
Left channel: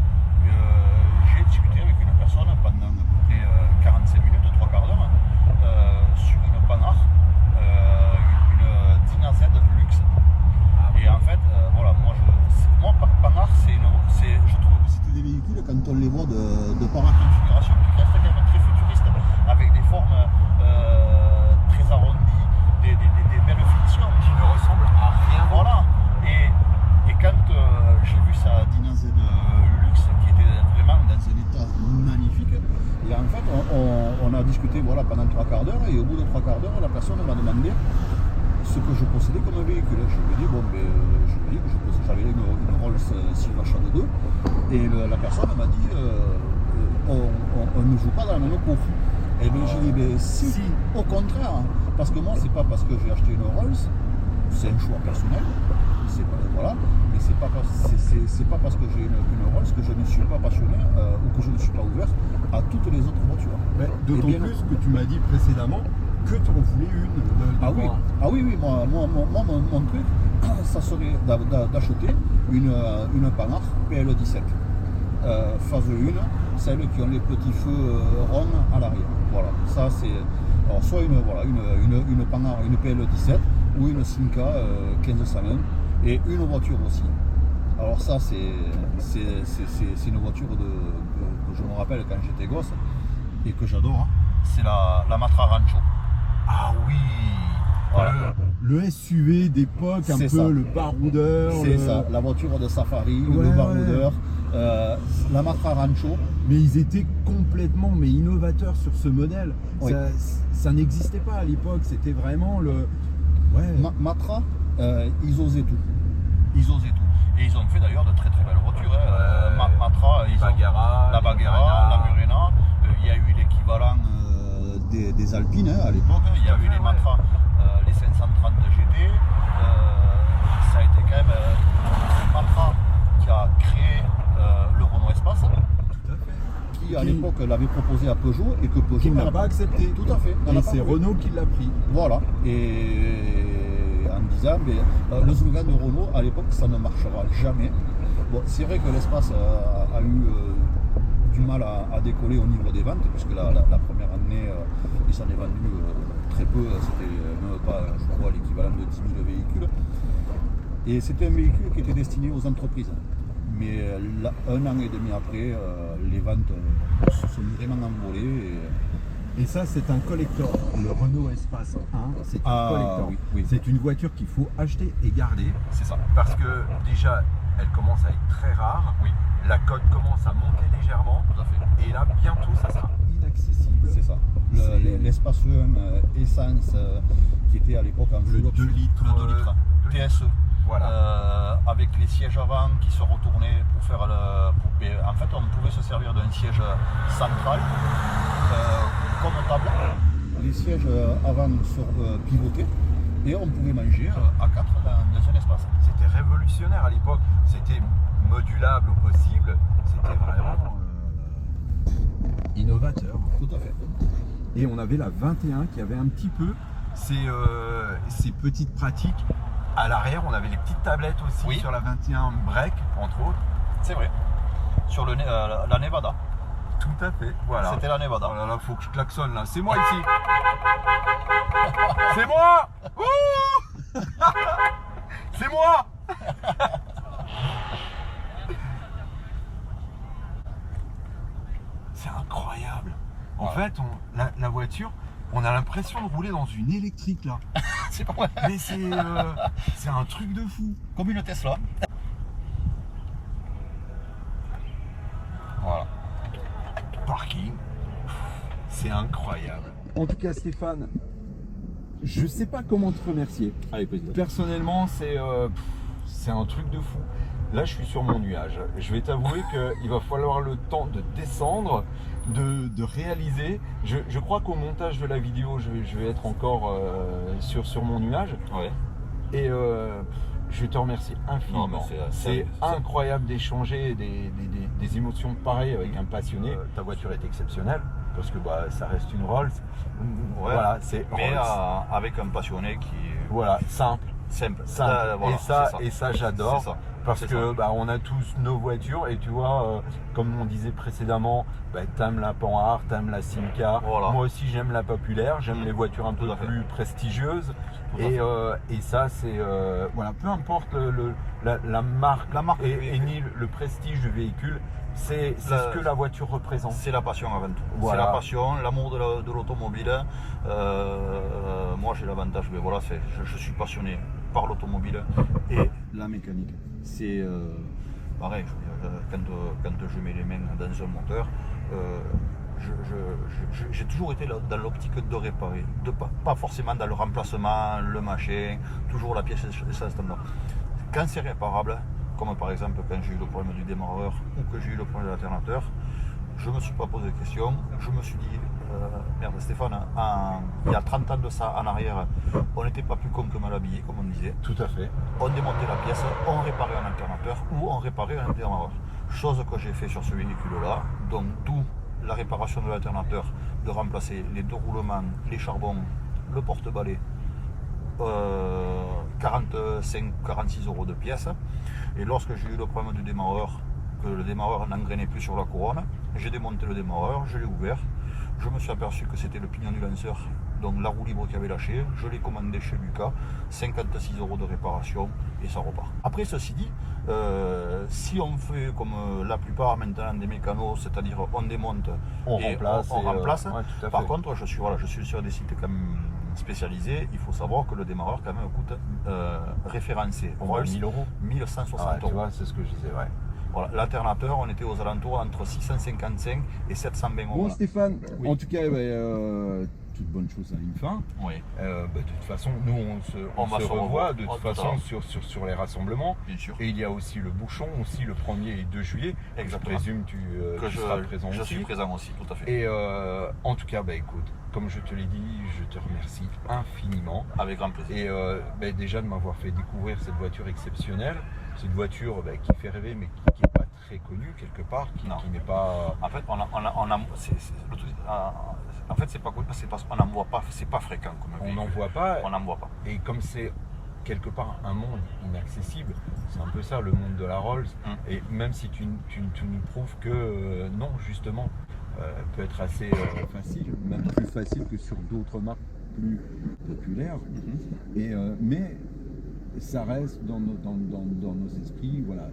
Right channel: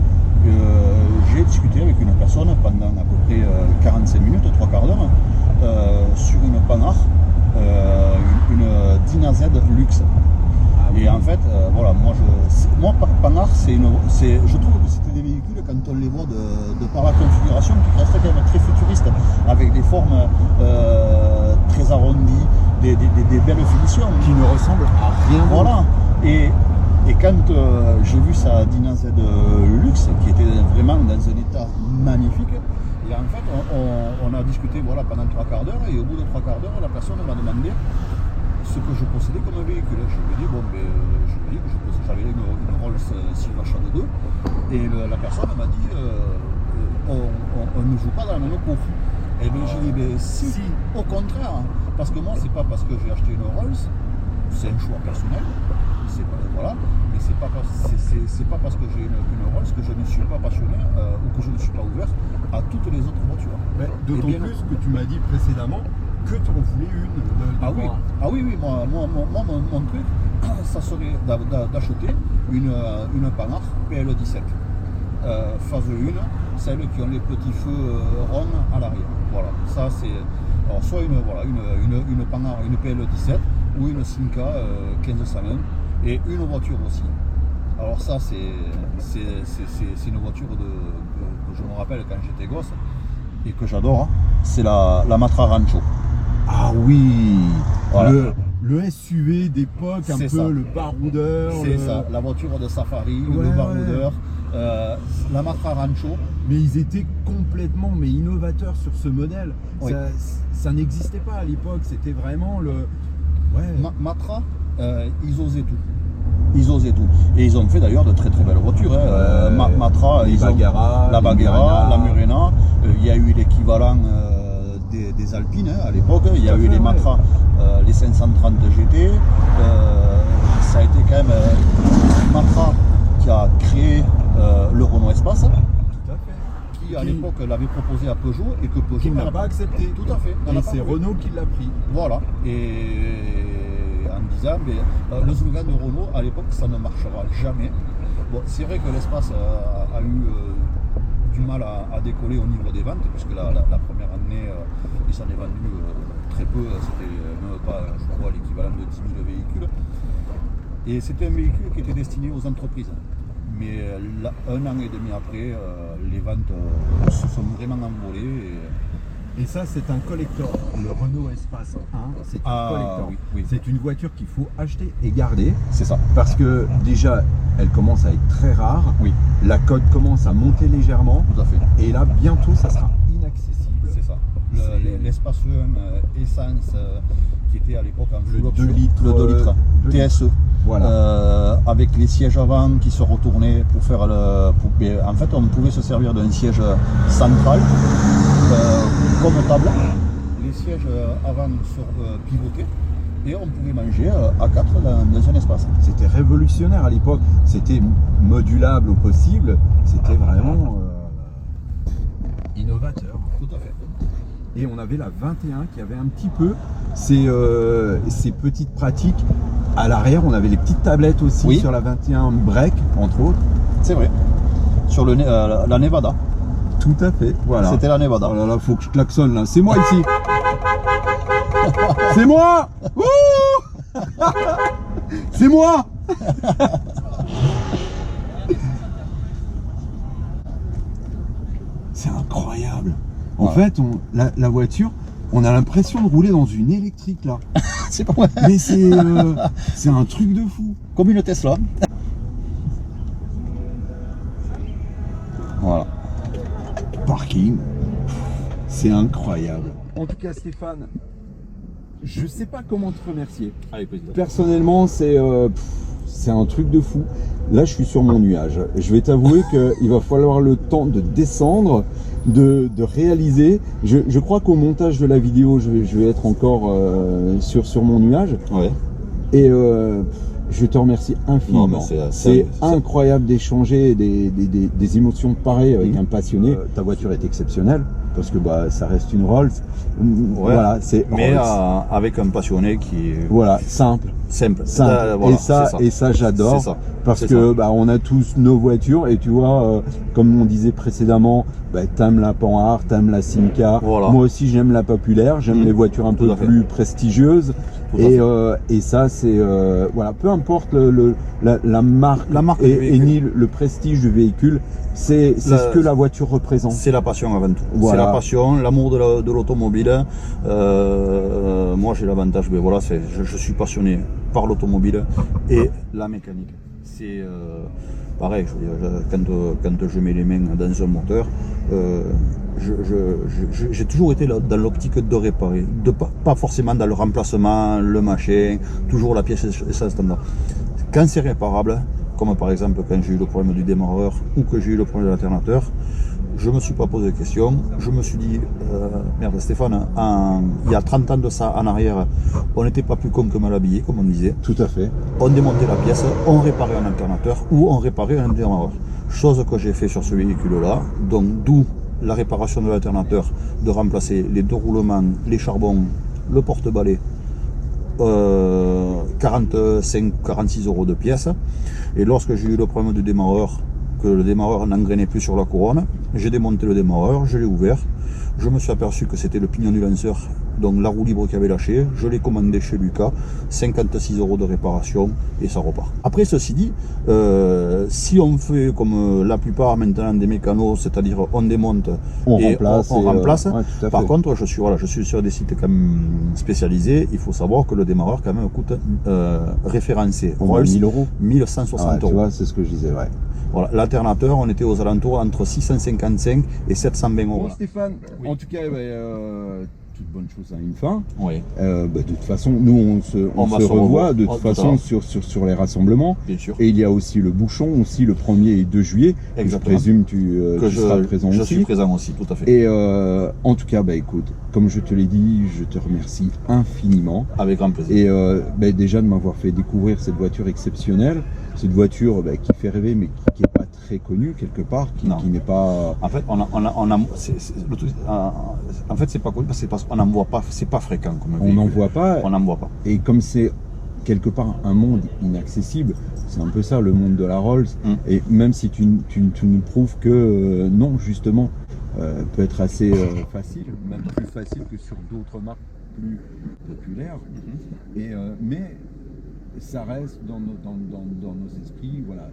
j'ai discuté avec une personne pendant à peu près 45 minutes, 3 quarts d'heure, sur une Panhard, une Dyna Z Luxe. Et en fait, voilà, moi Panhard, je trouve que c'était des véhicules, quand on les voit de par la configuration, qui restent quand même très futuristes, avec des formes très arrondies, des belles finitions. Qui ne ressemblent à rien. Voilà. Et quand j'ai vu sa Dyna Z Luxe, qui était vraiment dans un état magnifique, et en fait, on a discuté voilà, pendant 3 quarts d'heure, et au bout de 3 quarts d'heure, la personne m'a demandé ce que je possédais comme un véhicule. Je lui ai dit, bon, ben, j'avais une Rolls Silvershade 2, et la personne m'a dit, on ne joue pas dans la même cour. Et bien j'ai dit, ben, si, au contraire, parce que moi, c'est pas parce que j'ai acheté une Rolls, c'est un choix personnel, voilà, mais c'est pas parce que j'ai une Rolls que je ne suis pas passionné ou que je ne suis pas ouvert à toutes les autres voitures. D'autant plus que tu m'as dit précédemment que tu en voulais une. Ah oui, moi mon truc, ça serait d'acheter une Panhard PL17. Phase 1, celles qui ont les petits feux ronds à l'arrière. Voilà, ça c'est. Alors soit une Panhard, une PL17 ou une Simca 1501 et une voiture aussi Alors ça, c'est une voiture que je me rappelle quand j'étais gosse et que j'adore. Hein. C'est la Matra Rancho. Ah oui, Voilà. le SUV d'époque, un peu C'est ça. le baroudeur. C'est ça, la voiture de safari, Ouais, le baroudeur. La Matra Rancho. Mais ils étaient complètement innovateurs sur ce modèle. Oui. Ça n'existait pas à l'époque, c'était vraiment le... Ouais. Matra, ils osaient tout. Ils osaient tout. Et ils ont fait d'ailleurs de très très belles voitures. Hein. Ouais. Matra, Les ils ont Bagheera, la les Bagheera, Murena. la Murena. Il y a eu l'équivalent des Alpines hein, à l'époque. Il y a Tout à eu fait, les ouais. Matra, les 530 GT. Ça a été quand même Matra qui a créé le Renault Espace, Tout à fait. qui à l'époque l'avait proposé à Peugeot et que Peugeot Qui n'a pas accepté. Tout à fait. n'en a Et pas c'est voulu. Renault qui l'a pris. Voilà. Et en disant, mais, le slogan de Renault, à l'époque, ça ne marchera jamais. Bon, c'est vrai que l'espace a eu du mal à décoller au niveau des ventes, puisque la première année, il s'en est vendu très peu. C'était même pas, je crois, l'équivalent de 10 000 véhicules. Et c'était un véhicule qui était destiné aux entreprises. Mais un an et demi après, les ventes se sont vraiment envolées. Et ça, c'est un collector. Le Renault Espace 1, c'est un collector. Oui. C'est une voiture qu'il faut acheter et garder C'est ça. parce que déjà, elle commence à être très rare. Oui, La cote commence à monter légèrement. tout à fait. Et là, bientôt, ça sera inaccessible. C'est ça. L'espace 1 essence qui était à l'époque en Le full option, 2 litres, le 2 litres 2 litres. TSE. Voilà. Avec les sièges avant qui se retournaient pour faire en fait, on pouvait se servir d'un siège central comme table. Les sièges avant pivotaient et on pouvait manger à 4 dans un espace. C'était révolutionnaire à l'époque. C'était modulable au possible. C'était vraiment innovateur. Tout à fait. Et on avait la 21 qui avait un petit peu ces petites pratiques. À l'arrière, on avait les petites tablettes aussi Oui. sur la 21 break, entre autres. C'est vrai. Sur la Nevada. Tout à fait, voilà. C'était la Nevada. Oh là là, faut que je klaxonne là. C'est moi ici. C'est moi. Wouh. C'est moi. C'est incroyable. En Ouais. fait, la voiture, on a l'impression de rouler dans une électrique là. C'est pas vrai. Mais c'est un truc de fou. Comme une Tesla. Voilà. Parking, c'est incroyable. En tout cas, Stéphane, je sais pas comment te remercier. Avec plaisir. Personnellement, c'est un truc de fou. Là, je suis sur mon nuage. Je vais t'avouer qu'il va falloir le temps de descendre, de réaliser. Je crois qu'au montage de la vidéo, je vais être encore sur mon nuage. Ouais. Et je te remercie infiniment. Non, mais c'est incroyable d'échanger des émotions pareilles avec un passionné. Ta voiture est exceptionnelle parce que ça reste une Rolls. Voilà, c'est Mais Rolls. avec un passionné qui est Voilà, simple. simple. Simple. Voilà, et ça j'adore. C'est ça. Parce C'est que ça. on a tous nos voitures et tu vois, comme on disait précédemment, t'aimes la Panhard, t'aimes la Simca. Voilà. Moi aussi j'aime la populaire, j'aime les voitures un Tout peu à fait. plus prestigieuses. Tout à Et ça c'est voilà, peu importe la marque, La marque du et véhicule. ni le prestige du véhicule, c'est ce que la voiture représente. C'est la passion avant tout. Voilà. C'est la passion, l'amour de l'automobile. Moi j'ai l'avantage, voilà, je suis passionné par l'automobile et la mécanique. C'est pareil, je veux dire, quand je mets les mains dans un moteur, j'ai toujours été dans l'optique de réparer, pas forcément dans le remplacement, le machin, toujours la pièce essentielle standard. Quand c'est réparable, comme par exemple quand j'ai eu le problème du démarreur ou que j'ai eu le problème de l'alternateur, je ne me suis pas posé de questions. Je me suis dit, merde Stéphane, il y a 30 ans de ça en arrière, on n'était pas plus con que mal habillé, comme on disait. Tout à fait. On démontait la pièce, on réparait un alternateur ou on réparait un démarreur. Chose que j'ai fait sur ce véhicule-là, donc d'où la réparation de l'alternateur, de remplacer les deux roulements, les charbons, le porte-balai, 45-46 € de pièce. Et lorsque j'ai eu le problème du démarreur, que le démarreur n'engrainait plus sur la couronne. J'ai démonté le démarreur, je l'ai ouvert. Je me suis aperçu que c'était le pignon du lanceur, donc la roue libre qui avait lâché. Je l'ai commandé chez Lucas, 56 € de réparation et ça repart. Après, ceci dit, si on fait comme la plupart maintenant des mécanos, c'est-à-dire on démonte et on remplace, ouais, par contre, je suis sur des sites quand même spécialisés. Il faut savoir que le démarreur quand même coûte référencé. Rolls, 1000 €. 1160 Tu €. vois, c'est ce que je disais, ouais. Voilà, l'alternateur, on était aux alentours entre 655 et 720 €. Bon, Voilà. Stéphane, Oui. en tout cas, toute bonne chose a une fin. Oui, De toute façon, nous, on va se se revoit revoir. de Oh, toute tout à façon l'heure. sur les rassemblements. bien sûr. Et il y a aussi le bouchon, aussi le 1er et 2 juillet. Que je Exactement. présume tu seras présent je aussi. suis présent aussi, tout à fait. Et en tout cas, écoute, comme je te l'ai dit, je te remercie infiniment. Avec grand plaisir. Et déjà de m'avoir fait découvrir cette voiture exceptionnelle, cette voiture qui fait rêver, mais qui n'est pas très connue quelque part, qui n'est pas... En fait, en fait, c'est pas connu parce qu'on n'en voit pas, c'est pas fréquent comme On véhicule. n'en voit pas. On n'en voit pas. Et comme c'est quelque part un monde inaccessible, c'est un peu ça le monde de la Rolls. Et même si tu nous prouves que non, justement, peut être assez facile, même plus facile que sur d'autres marques plus populaires. Mais ça reste dans nos esprits, voilà,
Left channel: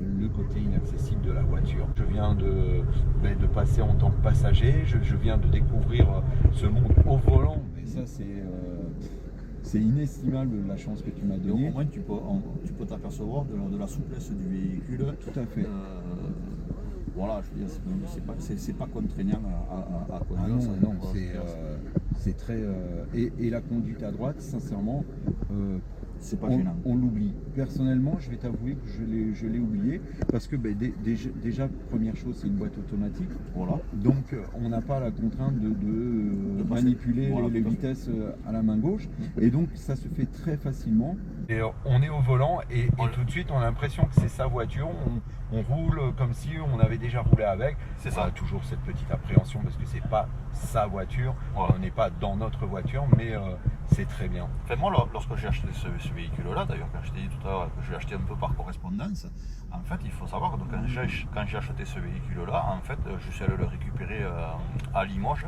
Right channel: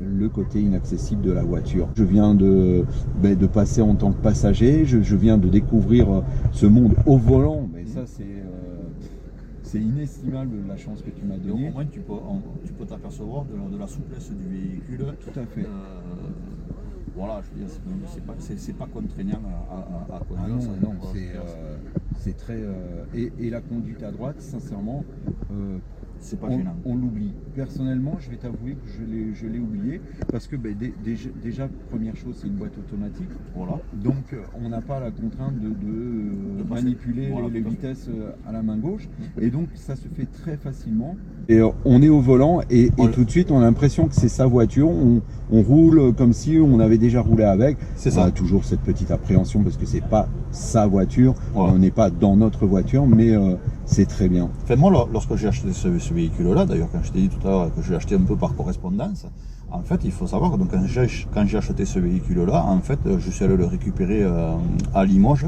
le côté inaccessible de la voiture. Je viens de passer en tant que passager, je viens de découvrir ce monde au volant, mais ça c'est inestimable la chance que tu m'as Donc, donnée. au moins, tu peux t'apercevoir de la souplesse du véhicule. Tout à fait. Voilà, je veux dire, c'est pas contraignant à conduire. Ah non, ça, non, quoi. c'est très... Et la conduite à droite, sincèrement, C'est pas gênant. on l'oublie. Personnellement, je vais t'avouer que je l'ai oublié, parce que déjà, première chose, c'est une boîte automatique. Voilà. Donc, on n'a pas la contrainte de passer. manipuler Voilà, les tout à fait. vitesses à la main gauche. Et donc, ça se fait très facilement. Et on est au volant et tout de suite, on a l'impression que c'est sa voiture. On roule comme si on avait déjà roulé avec. C'est On ça. a toujours cette petite appréhension parce que c'est pas sa voiture. Voilà. On n'est pas dans notre voiture, mais c'est très bien. Enfin, moi, lorsque j'ai acheté ce véhicule-là, d'ailleurs, quand je t'ai dit tout à l'heure que je l'ai acheté un peu par correspondance, en fait, il faut savoir que donc, quand j'ai acheté ce véhicule-là, en fait, je suis allé le récupérer à Limoges,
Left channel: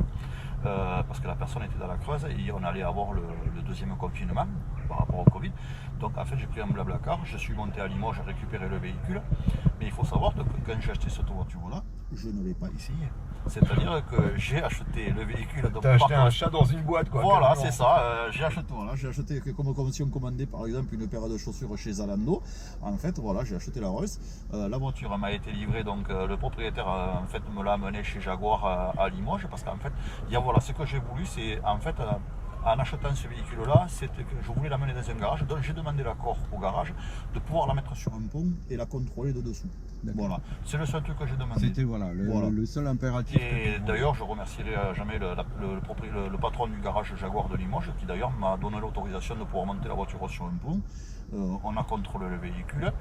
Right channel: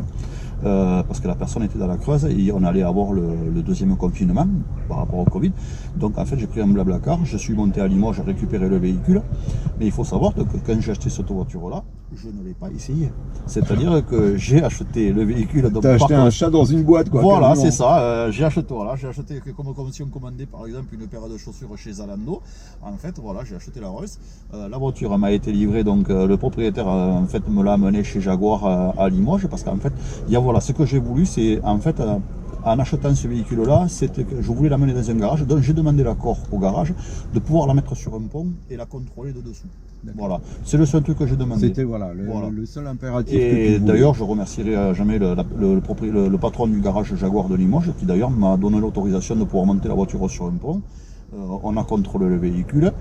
parce que la personne était dans la Creuse et on allait avoir le deuxième confinement par rapport au Covid. Donc, en fait, j'ai pris un Blablacar, je suis monté à Limoges récupérer le véhicule. Mais il faut savoir que quand j'ai acheté cette voiture-là, je ne l'ai pas essayé. C'est-à-dire que j'ai acheté le véhicule. T'as acheté un chat dans une boîte, quoi. Voilà, quasiment. c'est ça. J'ai acheté comme si on commandait par exemple une paire de chaussures chez Zalando. En fait, voilà, j'ai acheté la Rolls. La voiture m'a été livrée, donc le propriétaire en fait me l'a amenée chez Jaguar à Limoges, parce qu'en fait, voilà, ce que j'ai voulu, c'est en fait en achetant ce véhicule-là, c'était que je voulais l'amener dans un garage, donc j'ai demandé l'accord au garage de pouvoir la mettre sur un pont et la contrôler de dessous. Voilà, c'est le seul truc que j'ai demandé. C'était le seul impératif que tu Et voulais. d'ailleurs, je remercierai jamais le patron du garage Jaguar de Limoges, qui d'ailleurs m'a donné l'autorisation de pouvoir monter la voiture sur un pont. On a contrôlé le véhicule.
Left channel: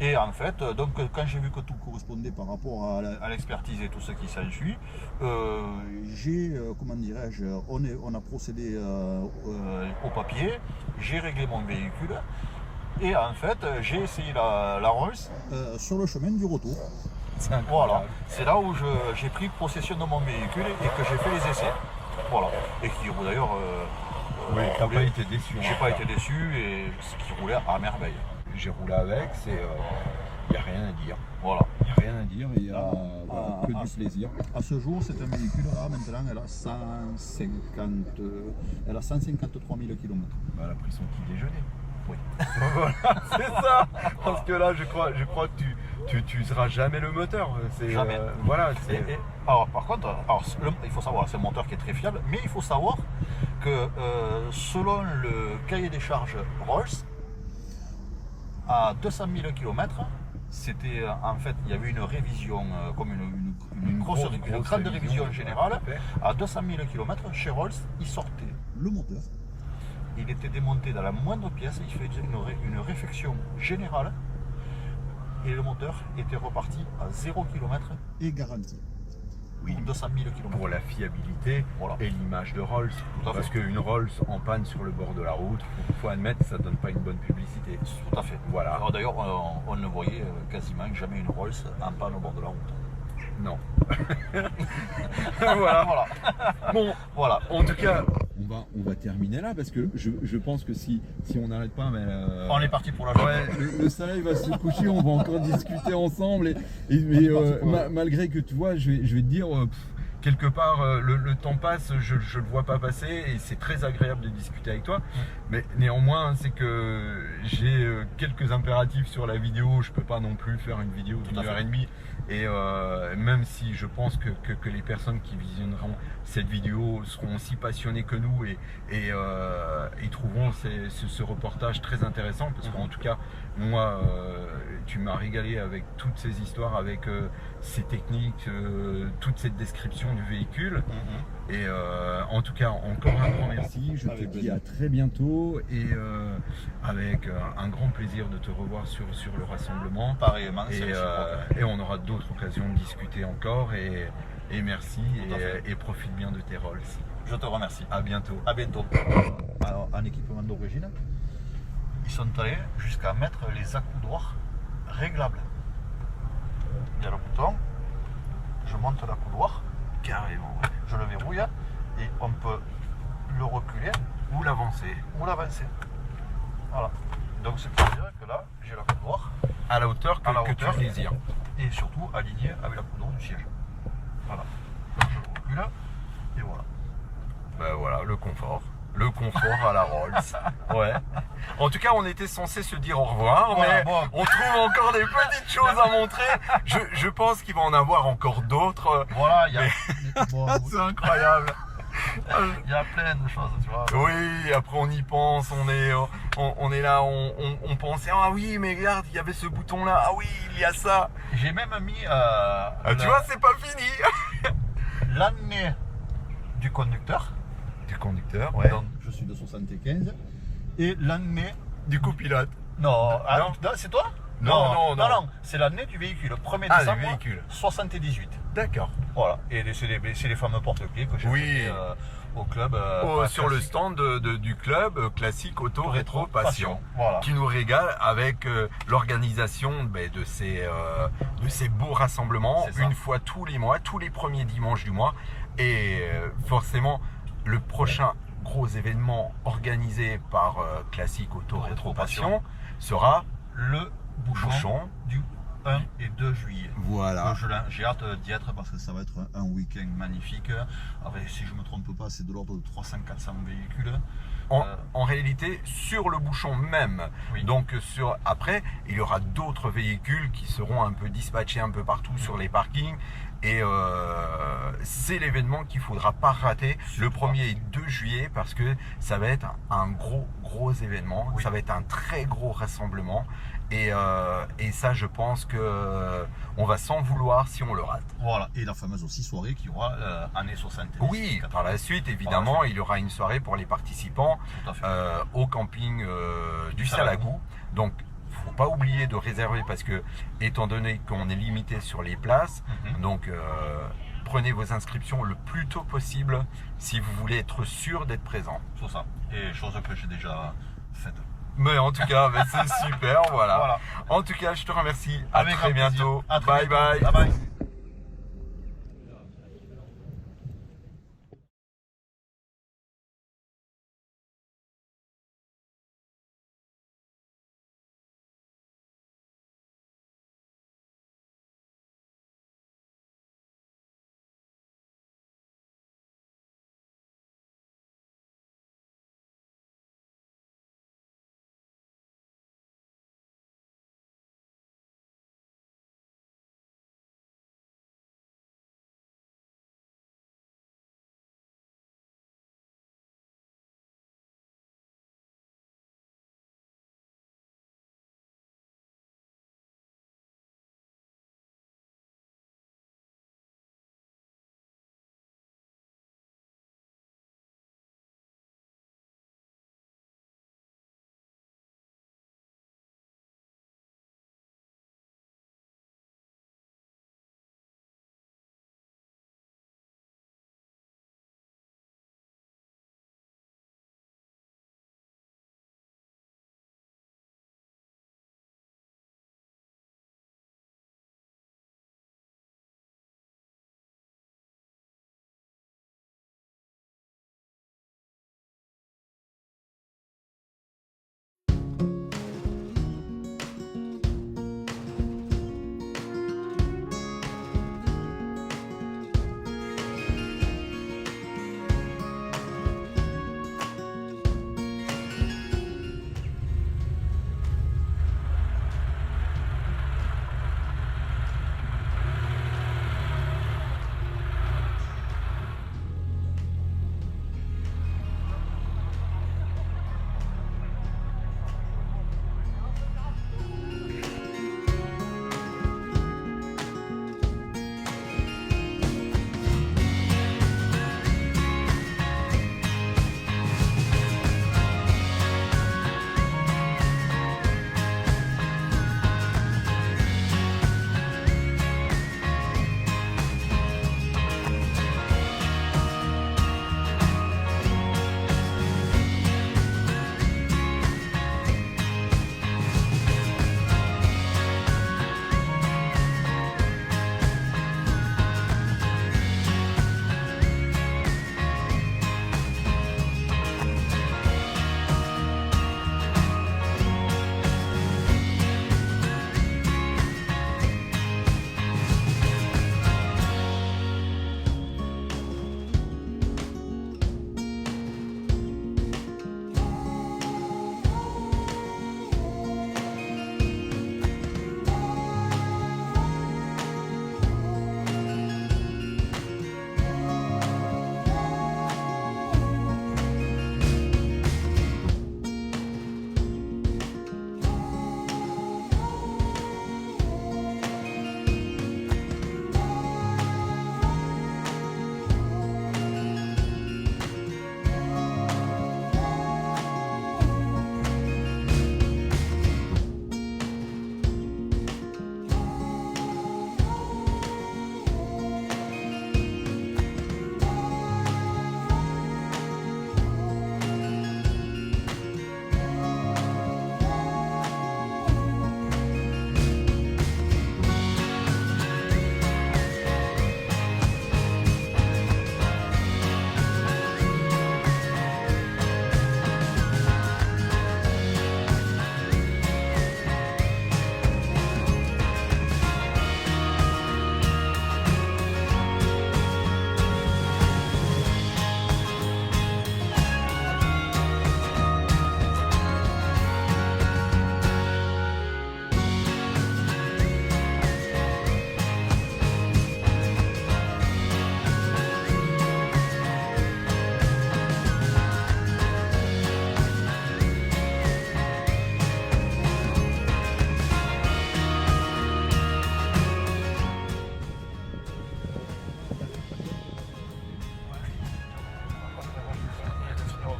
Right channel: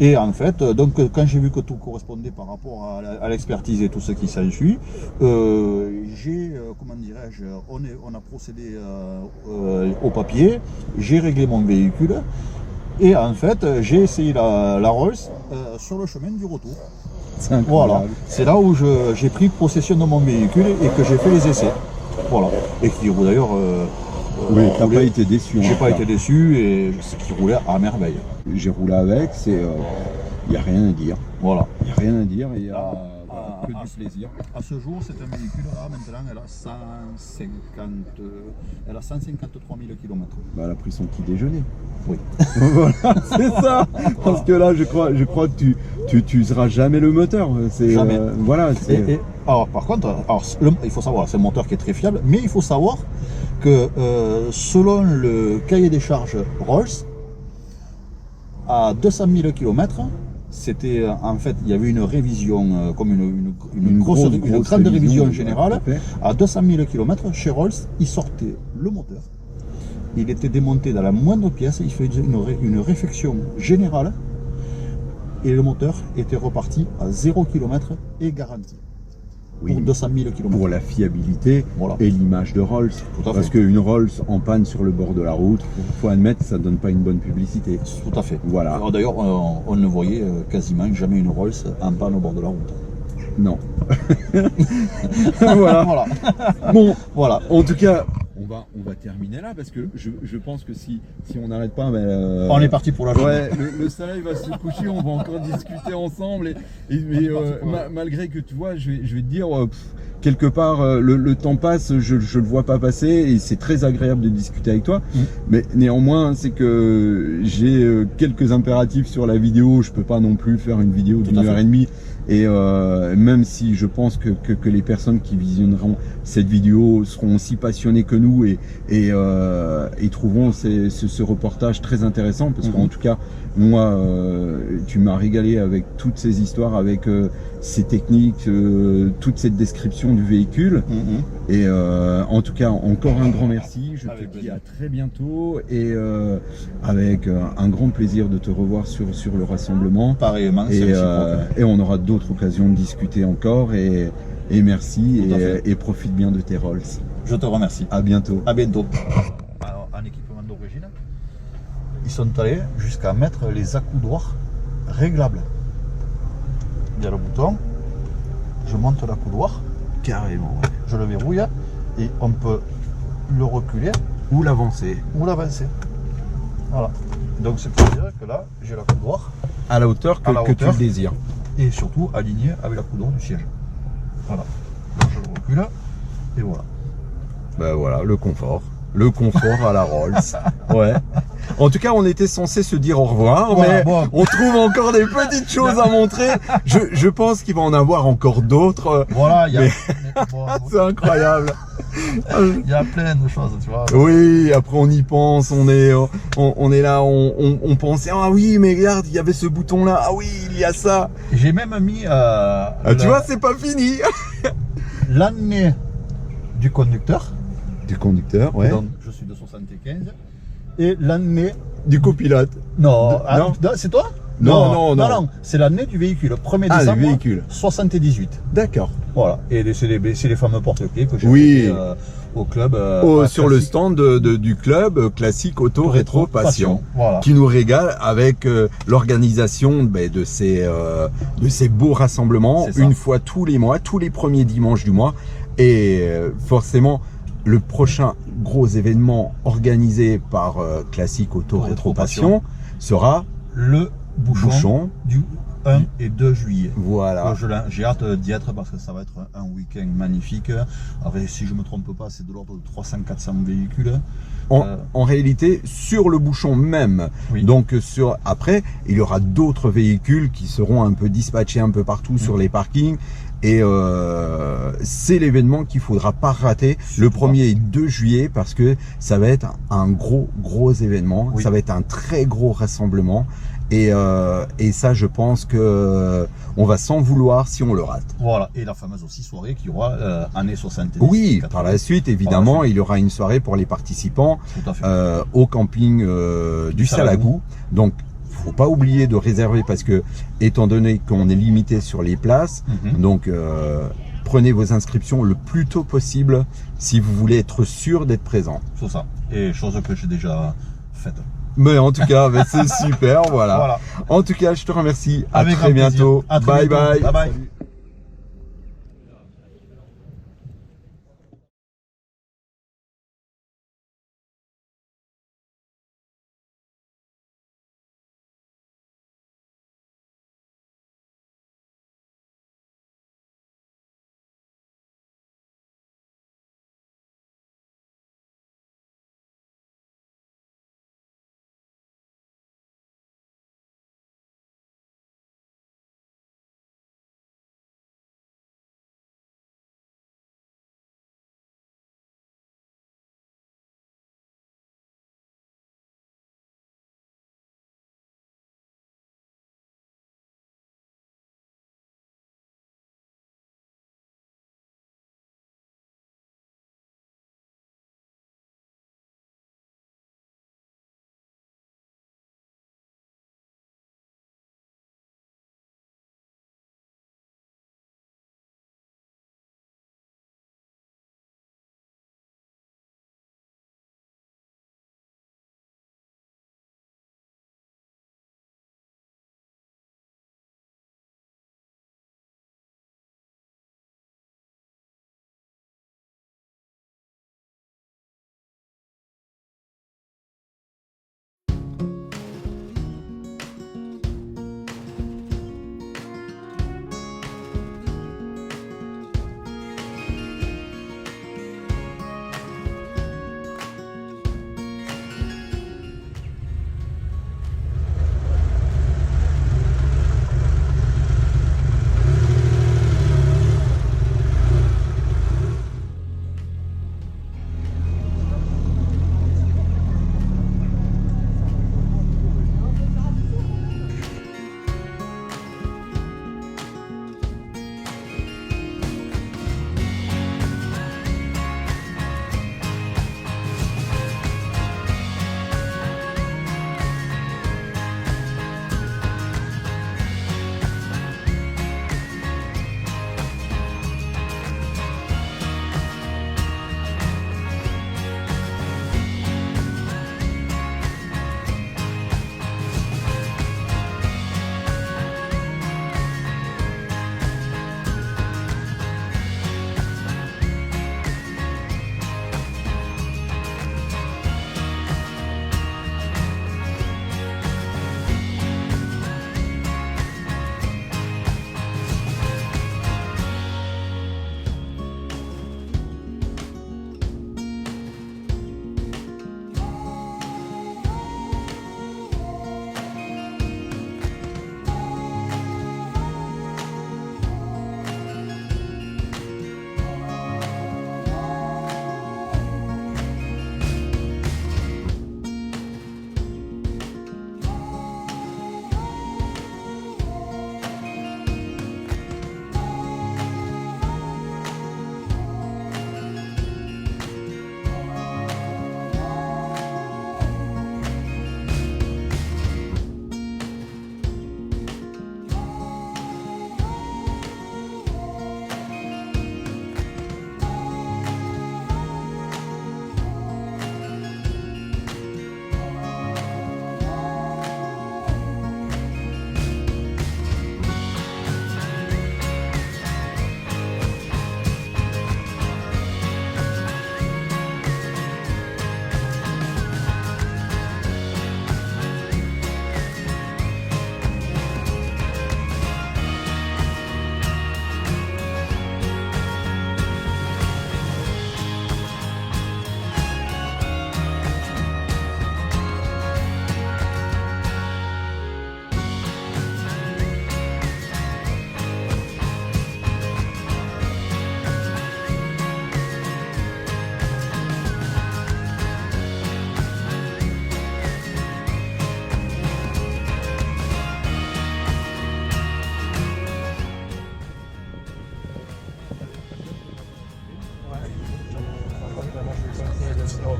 Et en fait, donc quand j'ai vu que tout correspondait par rapport à l'expertise et tout ce qui s'ensuit, comment dirais-je, on a procédé au papier, j'ai réglé mon véhicule. Et en fait, j'ai essayé la Rolls sur le chemin du retour. C'est incroyable. Voilà, c'est là où j'ai pris possession de mon véhicule et que j'ai fait les essais. Voilà, et qui d'ailleurs. Oui, t'as pas été déçu. J'ai pas été déçu et ce qui roulait à merveille. J'ai roulé avec, il n'y a rien à dire. Voilà. Il n'y a rien à dire, il y a que du plaisir. À ce jour, c'est un véhicule là, maintenant, elle a 153 000 km. Bah, elle a pris son petit déjeuner. Oui. Voilà, c'est ça. Parce que là, je crois que tu seras jamais le moteur. Jamais. Voilà. Alors, par contre, il faut savoir, c'est un moteur qui est très fiable, mais il faut savoir que selon le cahier des charges Rolls, à 200 000 km, c'était en fait, il y avait une révision, comme une grande révision générale. À 200 000 km, chez Rolls, il sortait le moteur, il était démonté dans la moindre pièce, il faisait une réfection générale et le moteur était reparti à 0 km et garanti. Oui, pour 200 000 km. pour la fiabilité Voilà. et l'image de Rolls. Tout à Parce fait. qu'une Rolls en panne sur le bord de la route, faut admettre, ça donne pas une bonne publicité. Tout à fait. Voilà. Alors, d'ailleurs, on ne voyait quasiment jamais une Rolls en panne au bord de la route. Non. Voilà. Voilà. Bon, Voilà. en tout cas, on va terminer là parce que je pense que si on n'arrête pas, On est parti pour la journée. ouais, le soleil va se coucher, on va encore discuter ensemble. Mais parti pour malgré que tu vois, je vais te dire, quelque part, le temps passe, je le vois pas passer et c'est très agréable de discuter avec toi. Mais néanmoins, c'est que j'ai quelques impératifs sur la vidéo. Je peux pas non plus faire une vidéo Tout d'une à fait. heure et demie. Et même si je pense que les personnes qui visionneront cette vidéo seront aussi passionnées que nous et trouveront ce reportage très intéressant parce qu'en tout cas, moi, tu m'as régalé avec toutes ces histoires, avec ces techniques, toute cette description du véhicule. Et en tout cas, encore un grand merci. Je Avec te dis plaisir. à très bientôt et avec un grand plaisir de te revoir sur le rassemblement. Pareillement, c'est Et, réciproque. et on aura d'autres occasions de discuter encore et merci Tout à fait. et profite bien de tes Rolls. Je te remercie. À bientôt. À bientôt. Alors, en équipement d'origine, ils sont allés jusqu'à mettre les accoudoirs réglables. Il y a le bouton, je monte l'accoudoir, Carrément, ouais. je le verrouille et on peut le reculer Ou l'avancer. ou l'avancer. Voilà. Donc, ce qui veut dire que là, j'ai l'accoudoir À la hauteur À la que tu hauteur. le désires. et surtout aligné avec l'accoudoir du siège. Voilà. Donc, je le recule et voilà. Ben voilà, le confort. Le confort à la Rolls. Ouais. En tout cas, on était censé se dire au revoir, Voilà, mais bon. on trouve encore des petites choses à montrer. Je pense qu'il va en avoir encore d'autres. Voilà, il y a, bon, C'est incroyable. il y a plein de choses, tu vois. Oui, après on y pense, on est là, on pensait, ah oui, mais regarde, il y avait ce bouton là, ah oui, il y a ça. J'ai même mis Tu vois, c'est pas fini. l'année du conducteur. Du conducteur, ouais. Donc, je suis de 75. Et l'année. Du copilote. Non, Ah, non. c'est toi? Non, non. C'est l'année du véhicule, 1er Ah, le décembre véhicule. 78. D'accord. Voilà. Et c'est les fameux porte-clés que j'ai Oui. fait, au club. Sur le classique. stand du club classique Auto Rétro Passion. Voilà. Qui nous régale avec l'organisation de ces beaux rassemblements C'est ça. une fois tous les mois, tous les premiers dimanches du mois. Et forcément, le prochain gros événement organisé par Classique Auto Rétro Passion sera Le bouchon, du 1 et 2 juillet. Voilà. J'ai hâte d'y être parce que ça va être un week-end magnifique. Avec, si je me trompe pas, c'est de l'ordre de 300-400 véhicules. En réalité, sur le bouchon même. Oui. Donc après, il y aura d'autres véhicules qui seront un peu dispatchés un peu partout sur les parkings. Et c'est l'événement qu'il faudra pas rater le 1er et 2 juillet parce que ça va être un gros événement. Oui. Ça va être un très gros rassemblement. Et ça, je pense que on va s'en vouloir si on le rate. Voilà, et la fameuse aussi soirée qui aura années 70. Oui, 80. par la suite, évidemment, il y aura une soirée pour les participants Tout à fait. au camping du Salagou. Donc, faut pas oublier de réserver parce que, étant donné qu'on est limité sur les places, donc prenez vos inscriptions le plus tôt possible si vous voulez être sûr d'être présent. C'est ça. Et chose que j'ai déjà faite. Mais en tout cas, c'est super, voilà. Voilà. En tout cas, je te remercie. Avec À très grand plaisir. bientôt. À très Bye bientôt. bye. Bye bye.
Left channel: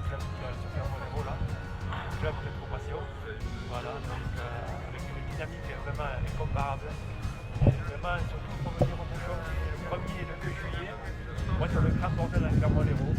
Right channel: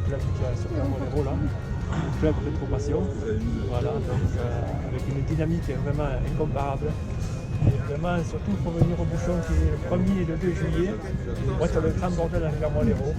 club qui est sur Clermont-Lérault là, un club de Rétropassion, voilà, donc avec une dynamique vraiment incomparable. Et vraiment, surtout pour venir au bouchon qui est le 1er et le 2 juillet, pour être le grand bordel à Clermont-Lérault.